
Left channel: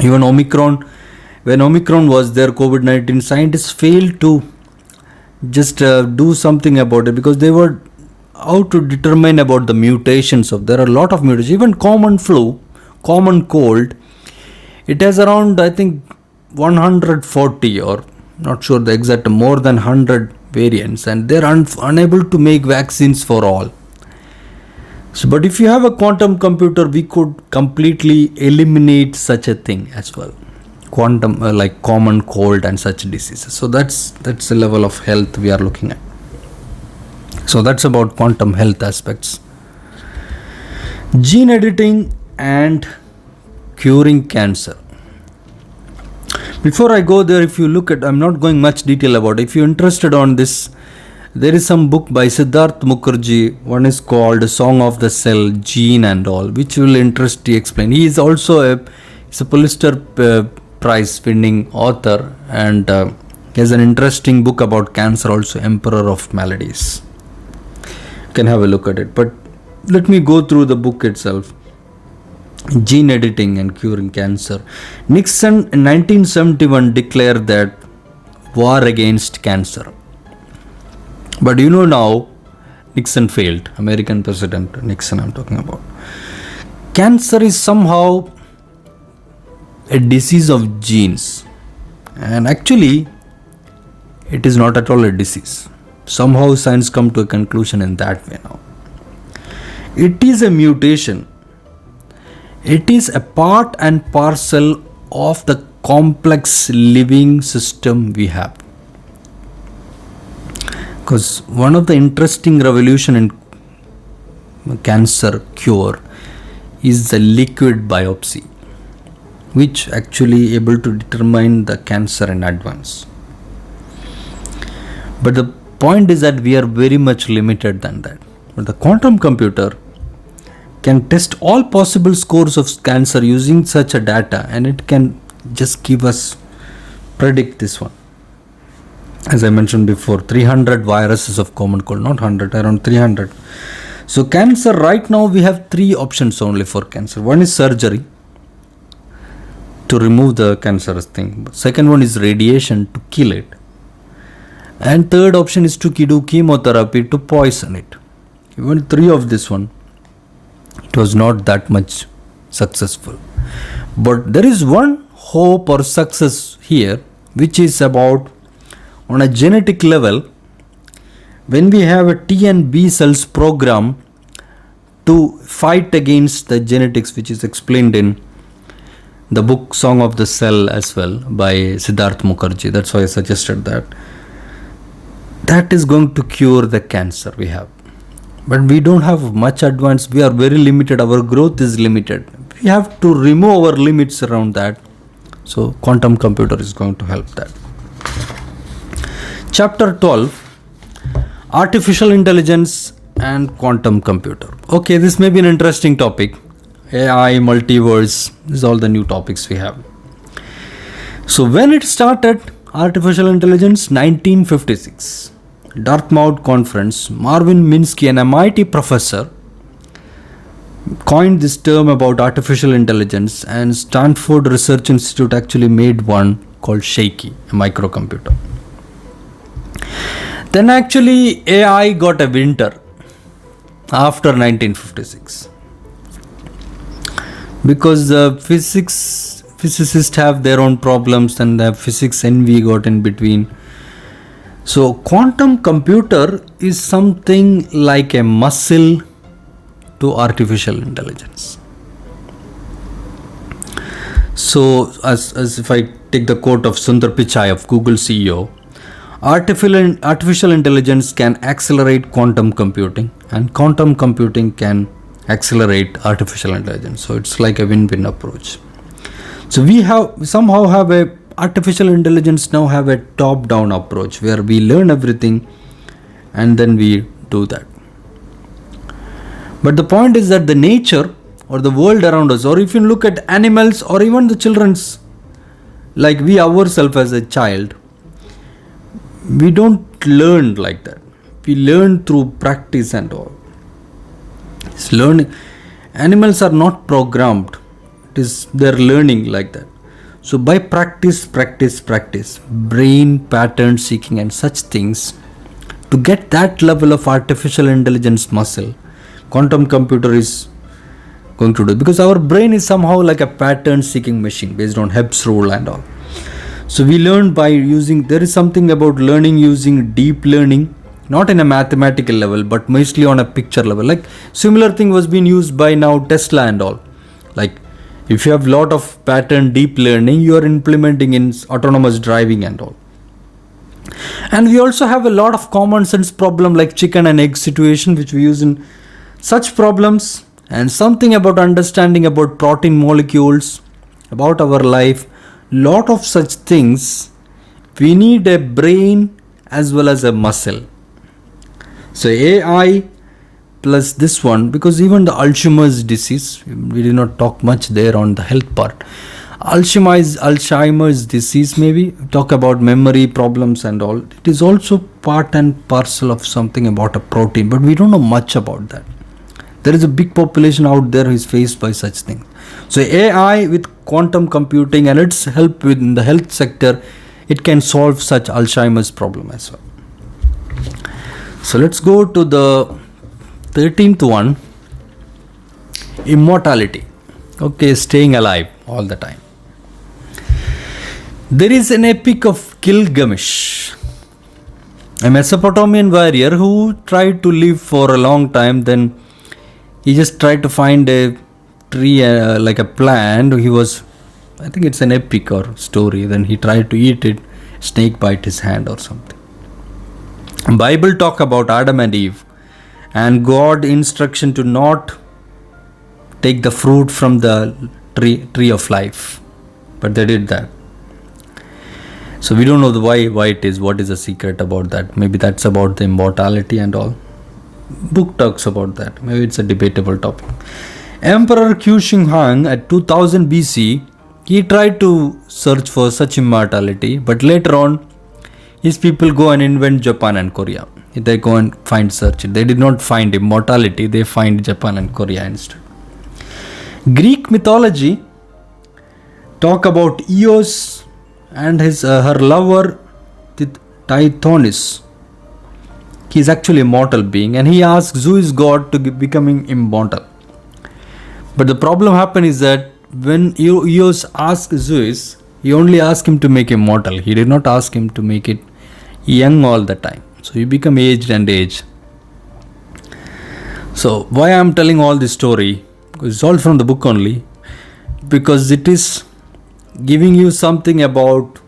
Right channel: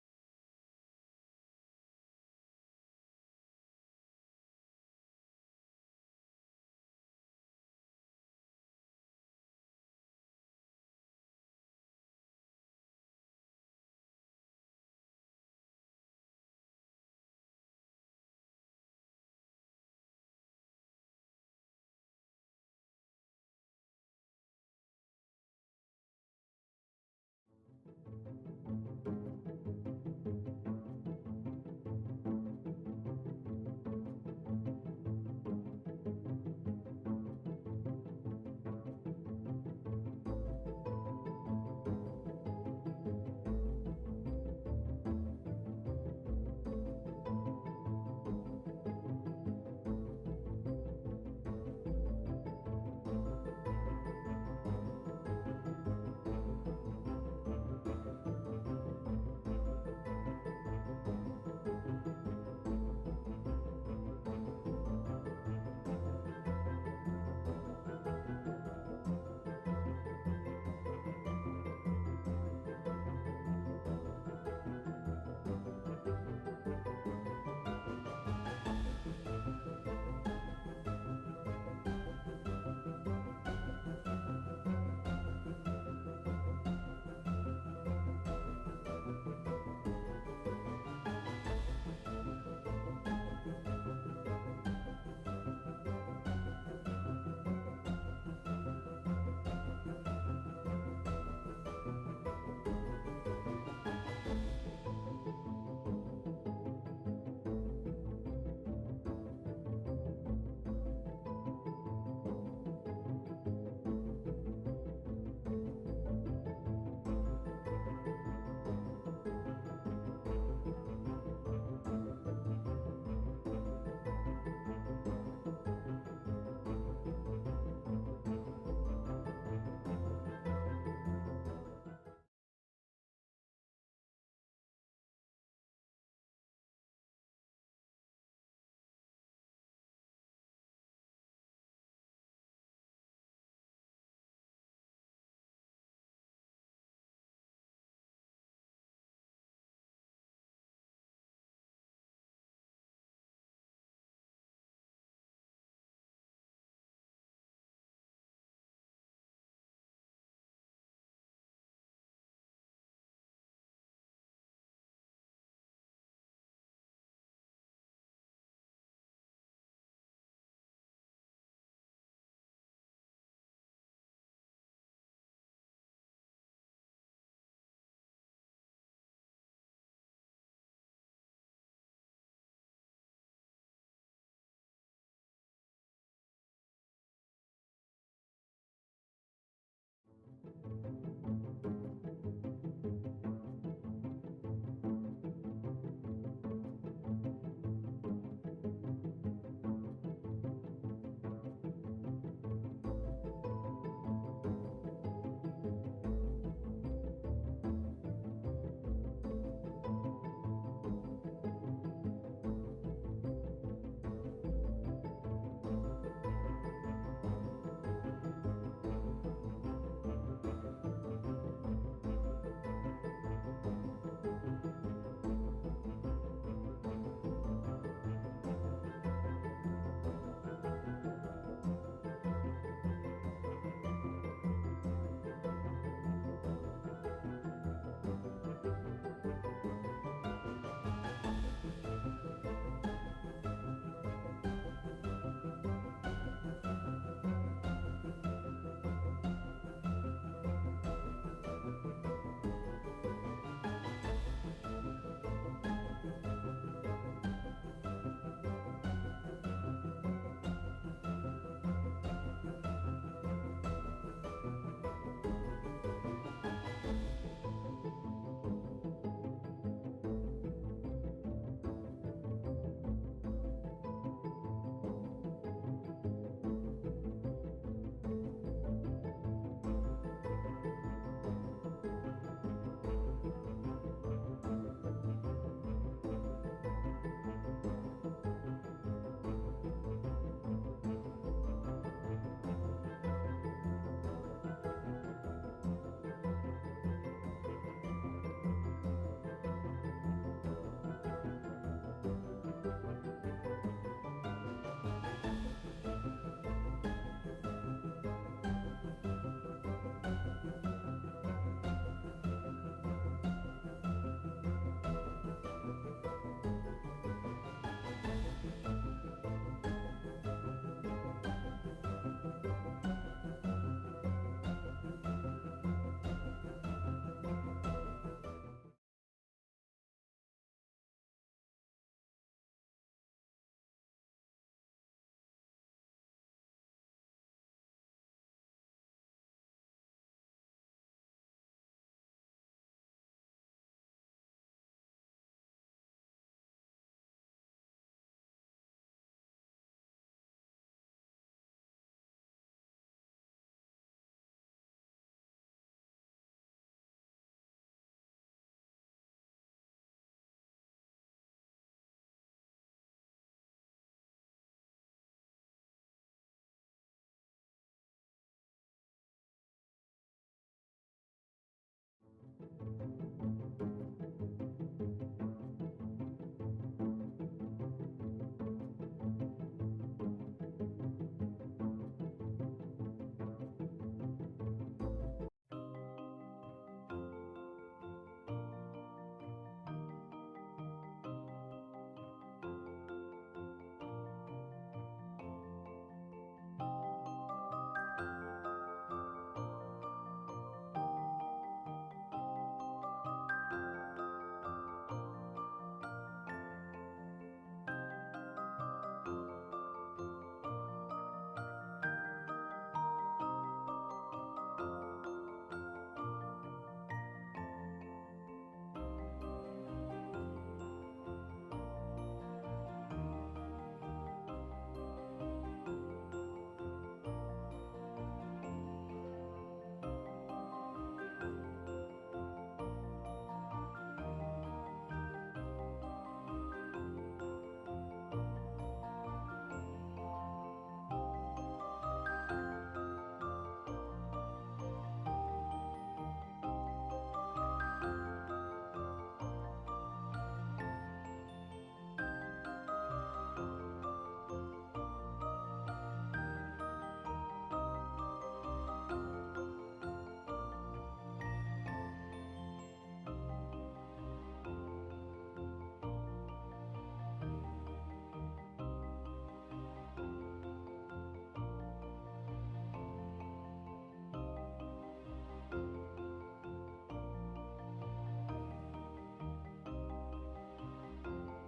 Even Omicron, when Omicron was there, COVID-19, scientists failed to just do something about it because they were out to determine about the mutations of, there are a lot of mutations. Even common flu, common cold, it has around, I think, 140 or not sure the exact, more than 100 variants, and they're unable to make vaccines for all. So, but if you have a quantum computer, we could completely eliminate such a thing as well. Quantum, like common cold and such diseases. So that's the level of health we are looking at. So that's about quantum health aspects. Gene editing and curing cancer. Before I go there, if you look at, I'm not going much detail about it. If you're interested on this, there is some book by Siddharth Mukherjee. One is called Song of the Cell, Gene and All, which will interest you explain. He is also he's a Pulitzer Prize winning author, and he has an interesting book about cancer also, Emperor of Maladies. You can have a look at it. But let me go through the book itself. Gene editing and curing cancer. Nixon in 1971 declared that war against cancer. But you know now, Nixon failed. American President Nixon I'm talking about. Cancer is somehow a disease of genes. And actually, it is not at all a disease. Somehow science come to a conclusion in that way now. It is a mutation. It is a part and parcel of the complex living system we have. Because one of the interesting revolution in cancer cure is the liquid biopsy, which actually able to determine the cancer in advance. But the point is that we are very much limited than that. But the quantum computer can test all possible scores of cancer using such a data, and it can just give us, predict this one. As I mentioned before, 300 viruses of common cold, not 100, around 300. So cancer, right now we have three options only for cancer. One is surgery to remove the cancerous thing. Second one is radiation to kill it. And third option is to do chemotherapy to poison it. Even three of this one, it was not that much successful. But there is one hope or success here, which is about on a genetic level, when we have a T and B cells program to fight against the genetics, which is explained in the book Song of the Cell as well by Siddharth Mukherjee. That's why I suggested that. That is going to cure the cancer we have. But we don't have much advance. We are very limited. Our growth is limited. We have to remove our limits around that. So quantum computer is going to help that. Chapter 12, Artificial Intelligence and Quantum Computer. Okay, this may be an interesting topic. AI, multiverse, these are all the new topics we have. So when it started, artificial intelligence, 1956. Dartmouth Conference, Marvin Minsky, an MIT professor, coined this term about artificial intelligence, and Stanford Research Institute actually made one called Shaky, a microcomputer. Then actually AI got a winter after 1956 because the physicists have their own problems and the physics envy got in between. So quantum computer is something like a muscle to artificial intelligence. So as if I take the quote of Sundar Pichai of Google CEO, artificial intelligence can accelerate quantum computing, and quantum computing can accelerate artificial intelligence. So it's like a win-win approach. So we somehow have a artificial intelligence now have a top-down approach where we learn everything and then we do that. But the point is that the nature or the world around us, or if you look at animals or even the children's, like we ourselves as a child, we don't learn like that. We learn through practice and all. It's learning. Animals are not programmed. They're learning like that. So by practice, brain pattern seeking and such things, to get that level of artificial intelligence muscle, quantum computer is going to do, because our brain is somehow like a pattern seeking machine based on Hebb's rule and all. So we learn by using, there is something about learning using deep learning, not in a mathematical level, but mostly on a picture level. Like similar thing was being used by now Tesla and all. Like if you have lot of pattern deep learning, you are implementing in autonomous driving and all. And we also have a lot of common sense problem like chicken and egg situation, which we use in such problems, and something about understanding about protein molecules, about our life, lot of such things. We need a brain as well as a muscle. So AI plus this one, because even the Alzheimer's disease, we did not talk much there on the health part. Alzheimer's disease, maybe talk about memory problems and all. It is also part and parcel of something about a protein, but we don't know much about that. There is a big population out there who is faced by such things. So AI with quantum computing and its help within the health sector, it can solve such Alzheimer's problem as well. So let's go to the 13th one, immortality. Okay, staying alive all the time. There is an epic of Gilgamesh, a Mesopotamian warrior who tried to live for a long time. Then he just tried to find a tree, like a plant. He was, I think it's an epic or story. Then he tried to eat it. Snake bite his hand or something. Bible talk about Adam and Eve and God instruction to not take the fruit from the tree of life, but they did that. So we don't know why it is, what is the secret about that. Maybe that's about the immortality and all. Book talks about that. Maybe it's a debatable topic. Emperor Qu Shi Huang at 2000 BC, he tried to search for such immortality, but later on his people go and invent Japan and Korea. They go and search it. They did not find immortality, they find Japan and Korea instead. Greek mythology talk about Eos and her lover Tithonus. He is actually a mortal being, and he asks Zeus god to becoming immortal. But the problem happened is that when Eos asked Zeus, he only asked him to make him mortal. He did not ask him to make it young all the time. So you become aged and aged. So why I am telling all this story? It's all from the book only, because it is giving you something about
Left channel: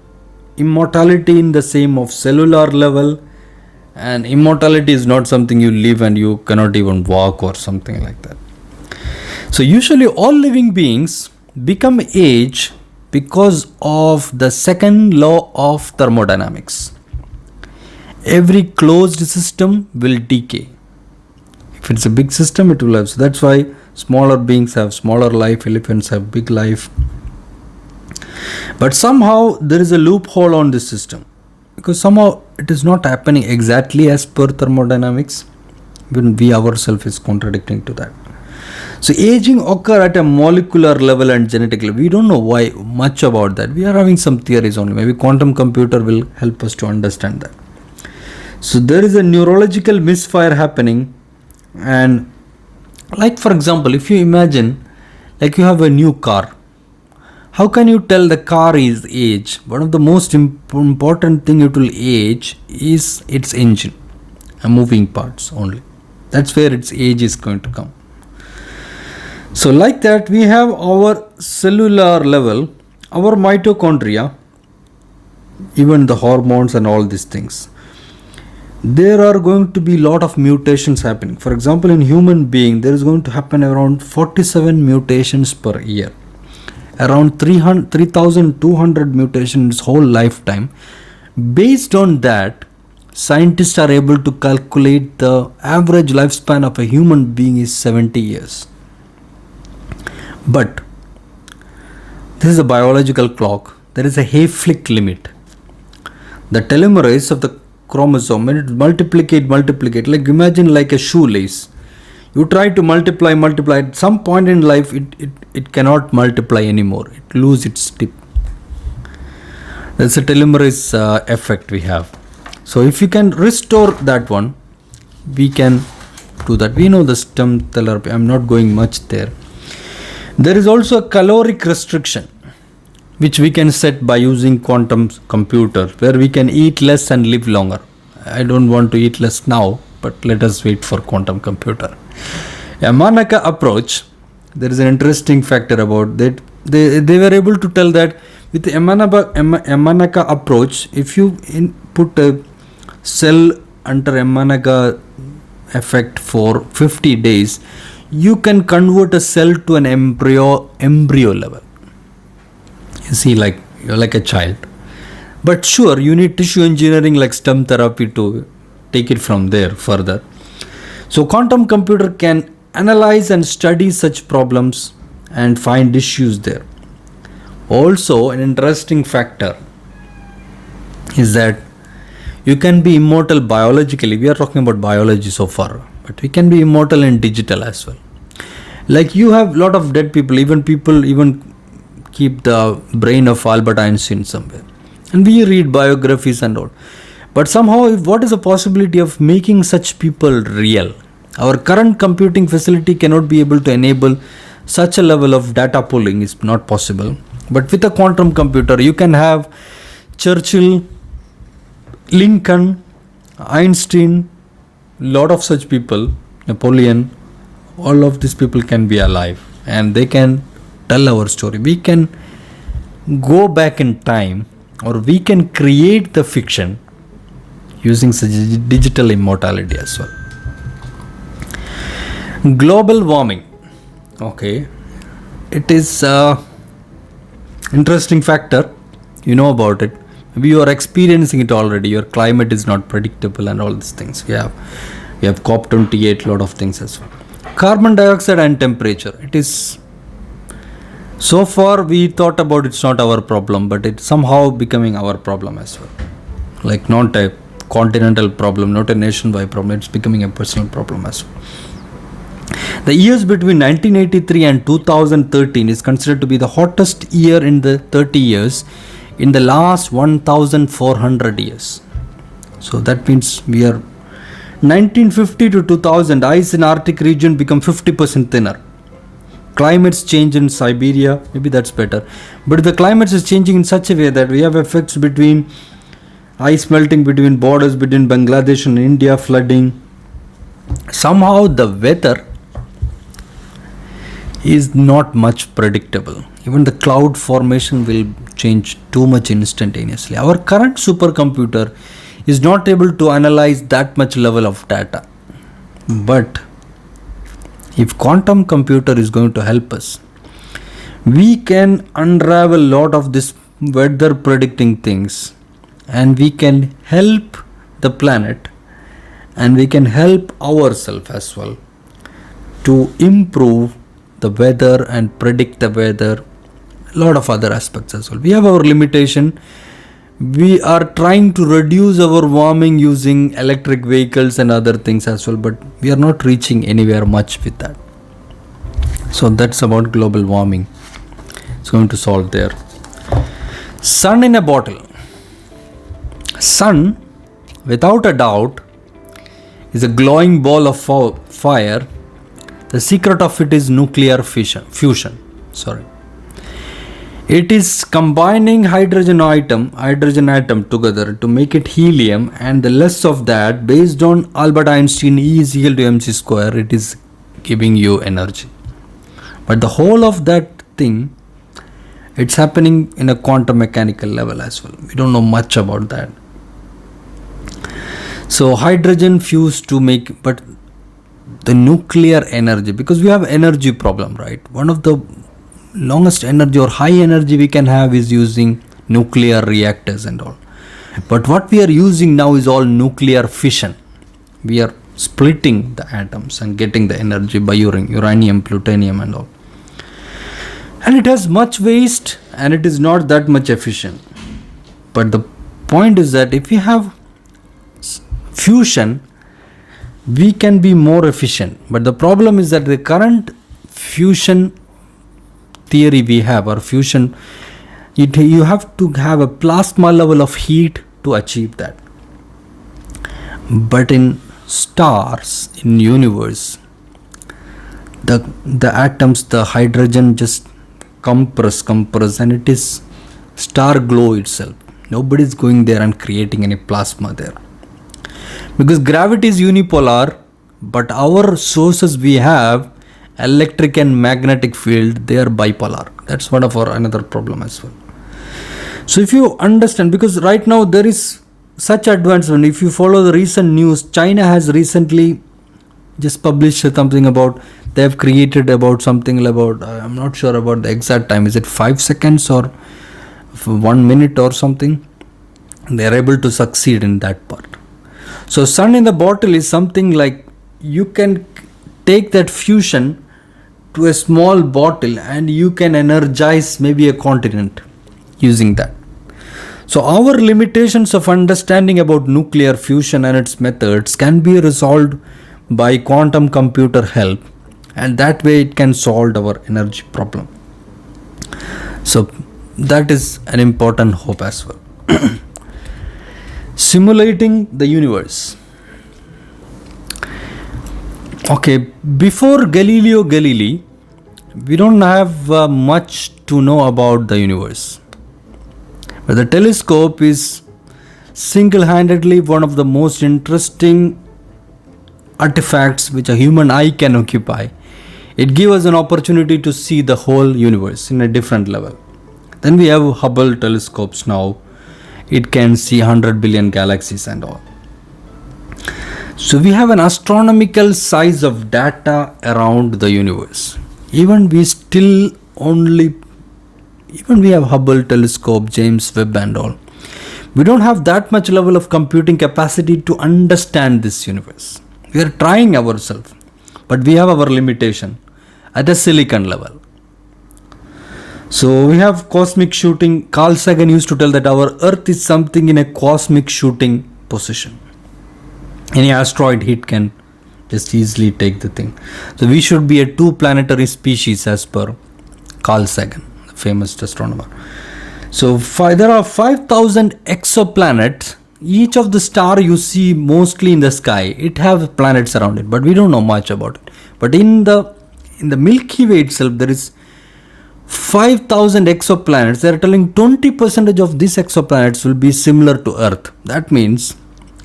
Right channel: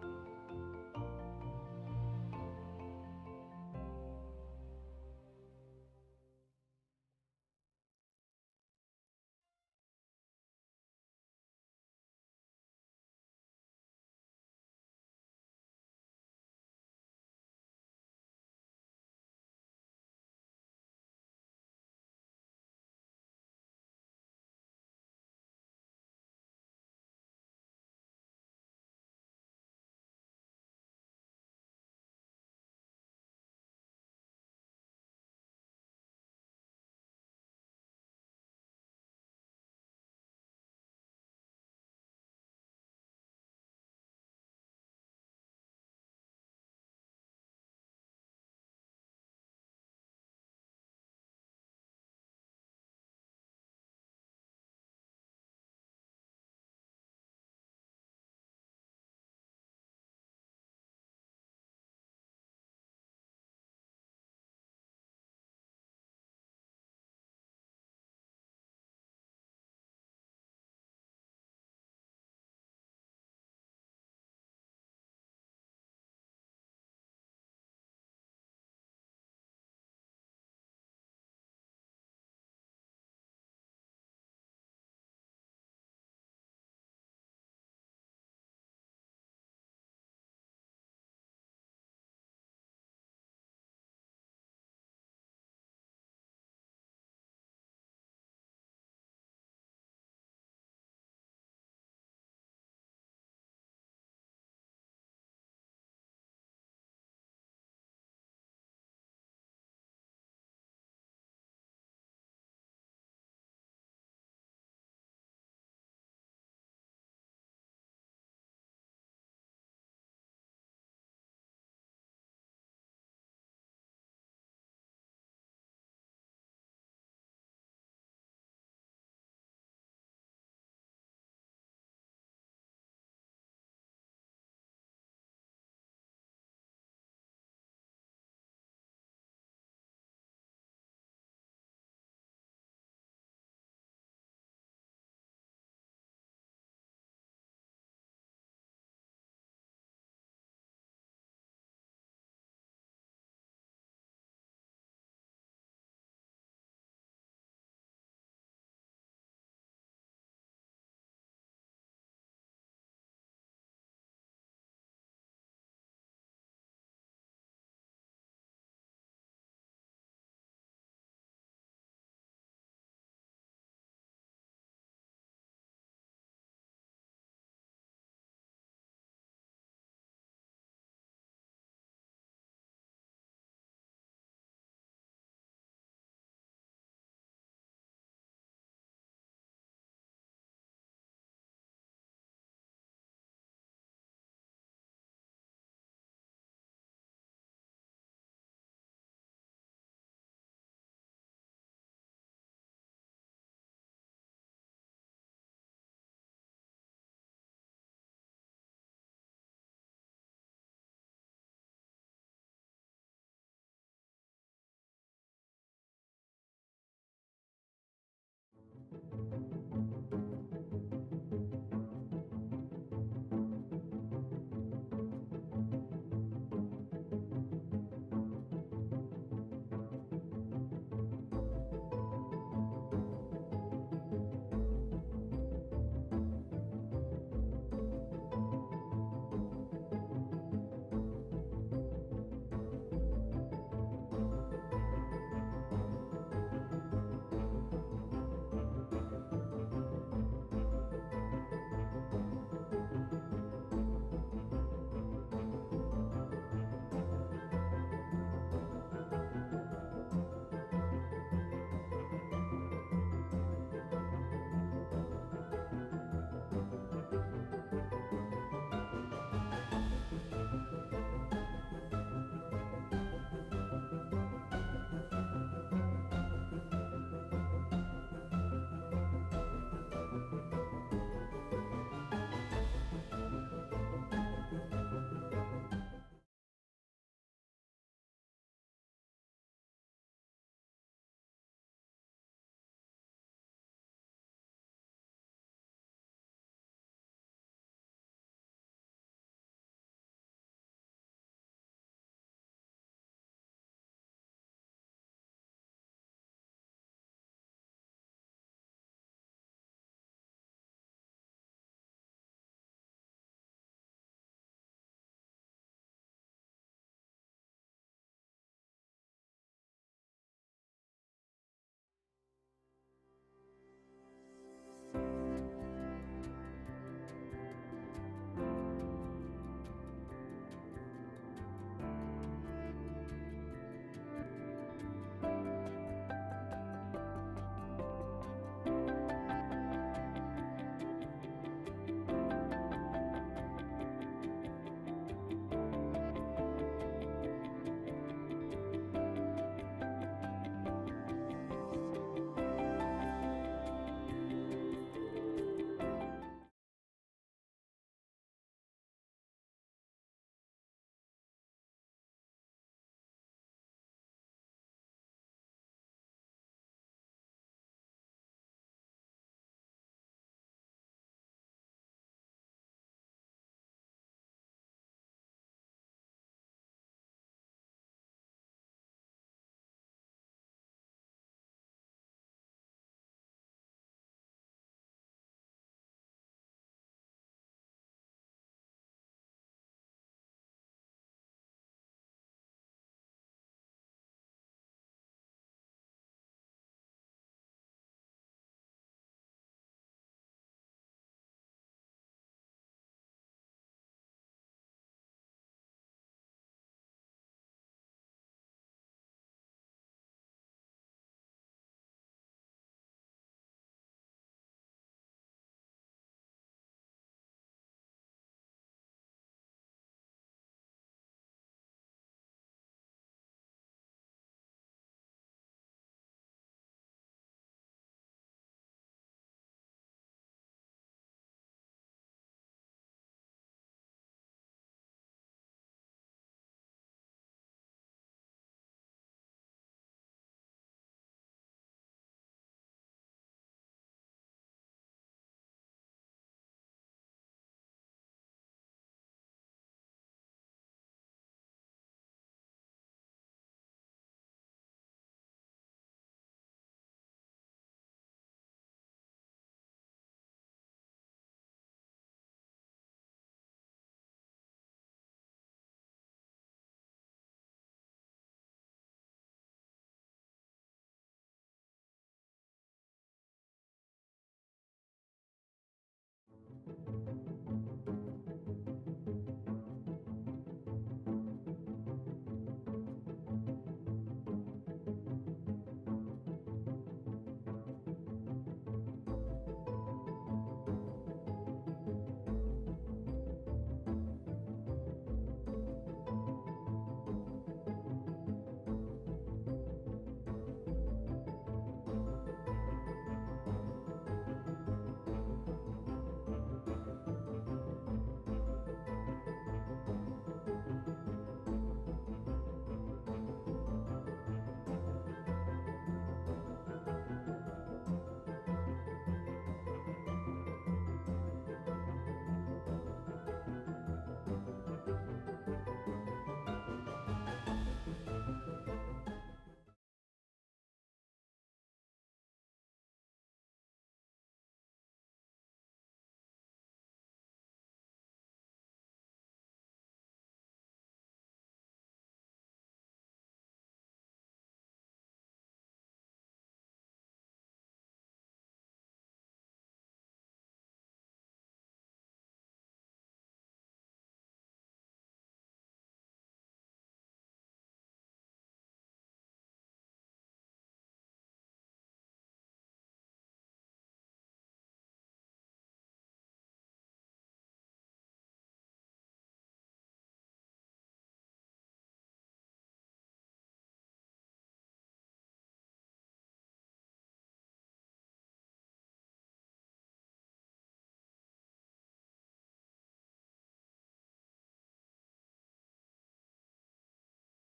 immortality in the same of cellular level, and immortality is not something you live and you cannot even walk or something like that. So usually all living beings become age because of the second law of thermodynamics. Every closed system will decay. If it's a big system, it will have. So that's why smaller beings have smaller life, elephants have big life. But somehow there is a loophole on this system, because somehow it is not happening exactly as per thermodynamics, when we ourselves is contradicting to that. So aging occur at a molecular level and genetic level. We don't know why much about that. We are having some theories only. Maybe quantum computer will help us to understand that. So there is a neurological misfire happening, and like for example, if you imagine like you have a new car, how can you tell the car is age? One of the most important thing it will age is its engine and moving parts only. That's where its age is going to come. So like that, we have our cellular level, our mitochondria, even the hormones and all these things. There are going to be a lot of mutations happening. For example, in human being, there is going to happen around 47 mutations per year. Around 3,200 mutations whole lifetime. Based on that, scientists are able to calculate the average lifespan of a human being is 70 years. But this is a biological clock. There is a Hayflick limit. The telomerase of the chromosome, when it multiplicate, like imagine like a shoelace. You try to multiply, at some point in life it cannot multiply anymore. It loses its tip. That's a telomerase effect we have. So if you can restore that one, we can do that. We know the stem therapy. I'm not going much there. There is also a caloric restriction which we can set by using quantum computer, where we can eat less and live longer. I don't want to eat less now, but let us wait for quantum computer. Yamanaka approach, there is an interesting factor about that. They were able to tell that with the Yamanaka approach, if you put a cell under Yamanaka effect for 50 days, you can convert a cell to an embryo level. You see, like you're like a child. But sure, you need tissue engineering like stem therapy to take it from there further. So quantum computer can analyze and study such problems and find issues there. Also, an interesting factor is that you can be immortal biologically. We are talking about biology so far, but we can be immortal in digital as well. Like you have a lot of dead people even keep the brain of Albert Einstein somewhere. And we read biographies and all. But somehow, what is the possibility of making such people real? Our current computing facility cannot be able to enable such a level of data pooling. Is not possible. But with a quantum computer, you can have Churchill, Lincoln, Einstein, lot of such people, Napoleon, all of these people can be alive and they can tell our story. We can go back in time, or we can create the fiction using such digital immortality as well. Global warming. Okay. It is an interesting factor. You know about it. Maybe you are experiencing it already. Your climate is not predictable and all these things. We have COP28, lot of things as well. Carbon dioxide and temperature. It is, so far we thought about it's not our problem, but it's somehow becoming our problem as well. Like not a continental problem, not a nationwide problem. It's becoming a personal problem as well. The years between 1983 and 2013 is considered to be the hottest year in the 30 years in the last 1400 years. So that means we are 1950 to 2000, ice in Arctic region become 50% thinner. Climates change in Siberia, maybe that's better. But the climates is changing in such a way that we have effects between ice melting between borders between Bangladesh and India, flooding. Somehow the weather is not much predictable. Even the cloud formation will change too much instantaneously. Our current supercomputer is not able to analyze that much level of data. But if quantum computer is going to help us, we can unravel a lot of this weather predicting things, and we can help the planet, and we can help ourselves as well to improve the weather and predict the weather, a lot of other aspects as well. We have our limitation. We are trying to reduce our warming using electric vehicles and other things as well, but we are not reaching anywhere much with that. So that's about global warming. It's going to solve there. Sun in a bottle. Sun, without a doubt, is a glowing ball of fire. The secret of it is nuclear fusion. It is combining hydrogen atom together to make it helium, and the less of that, based on Albert Einstein, E is equal to mc square, it is giving you energy. But the whole of that thing, it's happening in a quantum mechanical level as well. We don't know much about that. So hydrogen fused to make, but the nuclear energy, because we have energy problem, right? One of the longest energy or high energy we can have is using nuclear reactors and all. But what we are using now is all nuclear fission. We are splitting the atoms and getting the energy by uranium, plutonium and all. And it has much waste and it is not that much efficient. But the point is that if we have fusion, we can be more efficient. But the problem is that the current fusion theory we have, or fusion, you have to have a plasma level of heat to achieve that. But in stars, in universe, the atoms, the hydrogen just compress, and it is star glow itself. Nobody is going there and creating any plasma there. Because gravity is unipolar, but our sources we have, electric and magnetic field, they are bipolar. That's one of our another problem as well. So if you understand, because right now there is such advancement, if you follow the recent news, China has recently just published something about, they have created about something about, I'm not sure about the exact time, is it 5 seconds or 1 minute or something? They are able to succeed in that part. So sun in the bottle is something like, you can take that fusion to a small bottle and you can energize maybe a continent using that. So our limitations of understanding about nuclear fusion and its methods can be resolved by quantum computer help, and that way it can solve our energy problem. So that is an important hope as well. Simulating the universe. Okay, before Galileo Galilei, we don't have much to know about the universe. But the telescope is single-handedly one of the most interesting artifacts which a human eye can occupy. It gives us an opportunity to see the whole universe in a different level. Then we have Hubble telescopes now. It can see 100 billion galaxies and all. So we have an astronomical size of data around the universe. Even we have Hubble telescope, James Webb and all. We don't have that much level of computing capacity to understand this universe. We are trying ourselves, but we have our limitation at a silicon level. So we have cosmic shooting. Carl Sagan used to tell that our Earth is something in a cosmic shooting position. Any asteroid hit can just easily take the thing. So we should be a 2-planetary species as per Carl Sagan, the famous astronomer. So there are 5,000 exoplanets. Each of the star you see mostly in the sky, it have planets around it, but we don't know much about it. But in the Milky Way itself, there is 5,000 exoplanets. They are telling 20% of these exoplanets will be similar to Earth. That means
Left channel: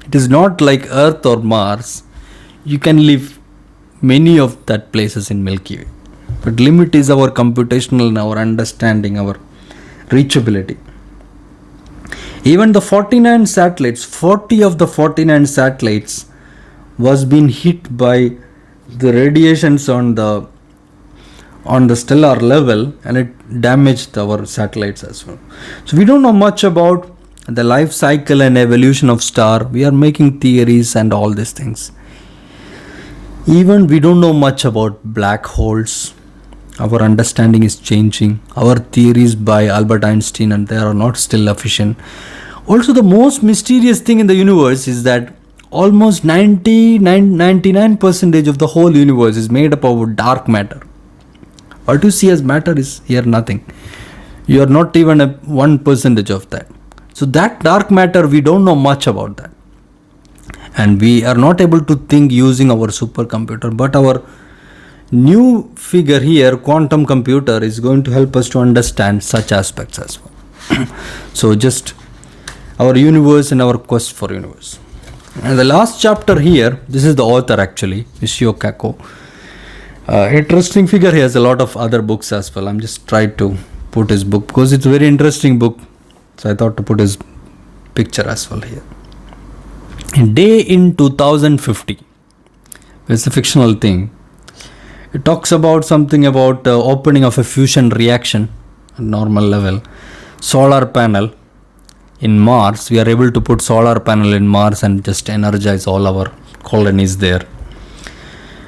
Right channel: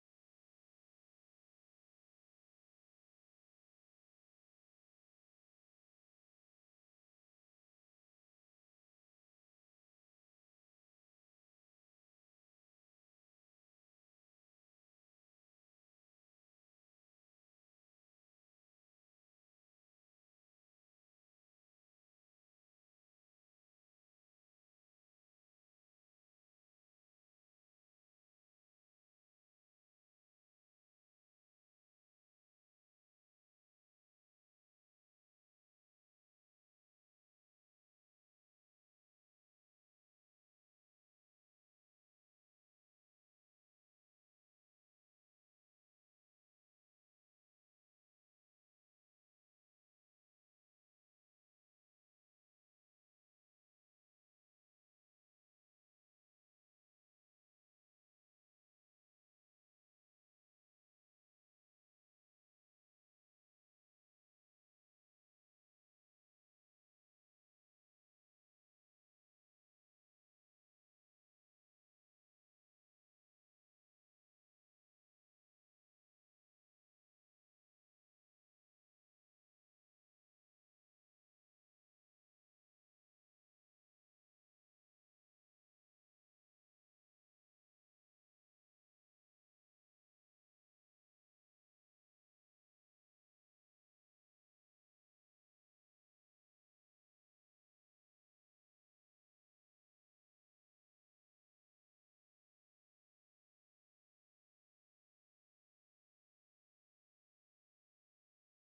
it is not like Earth or Mars. You can live many of that places in Milky Way. But limit is our computational and our understanding, our reachability. Even the 49 satellites, 40 of the 49 satellites was being hit by the radiations on the stellar level, and it damaged our satellites as well. So we don't know much about the life cycle and evolution of star. We are making theories and all these things. Even we don't know much about black holes. Our understanding is changing. Our theories by Albert Einstein, and they are not still efficient. Also, the most mysterious thing in the universe is that almost 99% of the whole universe is made up of dark matter. What you see as matter is here nothing. You are not even 1% of that. So that dark matter, we don't know much about that. And we are not able to think using our supercomputer. But our new figure here, quantum computer, is going to help us to understand such aspects as well. So just our universe and our quest for universe. And the last chapter here, this is the author actually, Michio Kaku. Interesting figure. He has a lot of other books as well. I'm just trying to put his book because it's a very interesting book. So I thought to put his picture as well here. Day in 2050. It's a fictional thing. It talks about something about opening of a fusion reaction at normal level. Solar panel in Mars. We are able to put solar panel in Mars and just energize all our colonies there.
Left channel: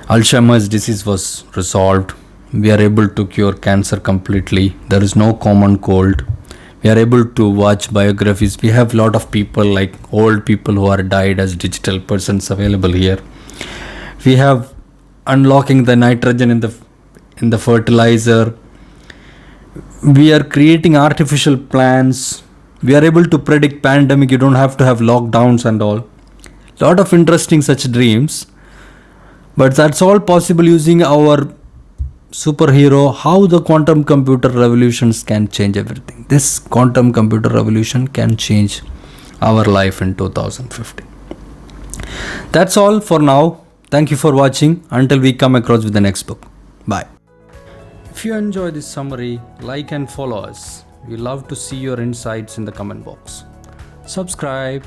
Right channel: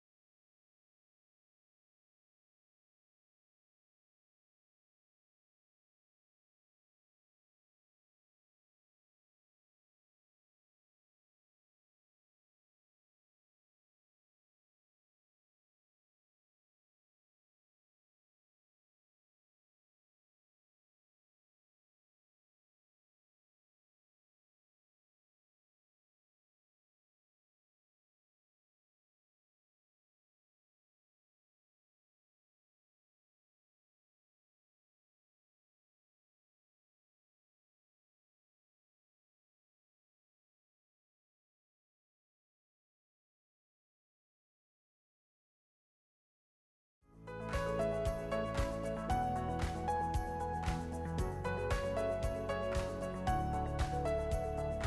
Alzheimer's disease was resolved. We are able to cure cancer completely. There is no common cold. We are able to watch biographies. We have a lot of people, like old people who are died as digital persons available here. We have unlocking the nitrogen in the fertilizer. We are creating artificial plants. We are able to predict pandemic. You don't have to have lockdowns and all. Lot of interesting such dreams. But that's all possible using our superhero, how the quantum computer revolutions can change everything. This quantum computer revolution can change our life in 2050. That's all for now. Thank you for watching. Until we come across with the next book. Bye. If you enjoy this summary, like and follow us. We love to see your insights in the comment box. Subscribe.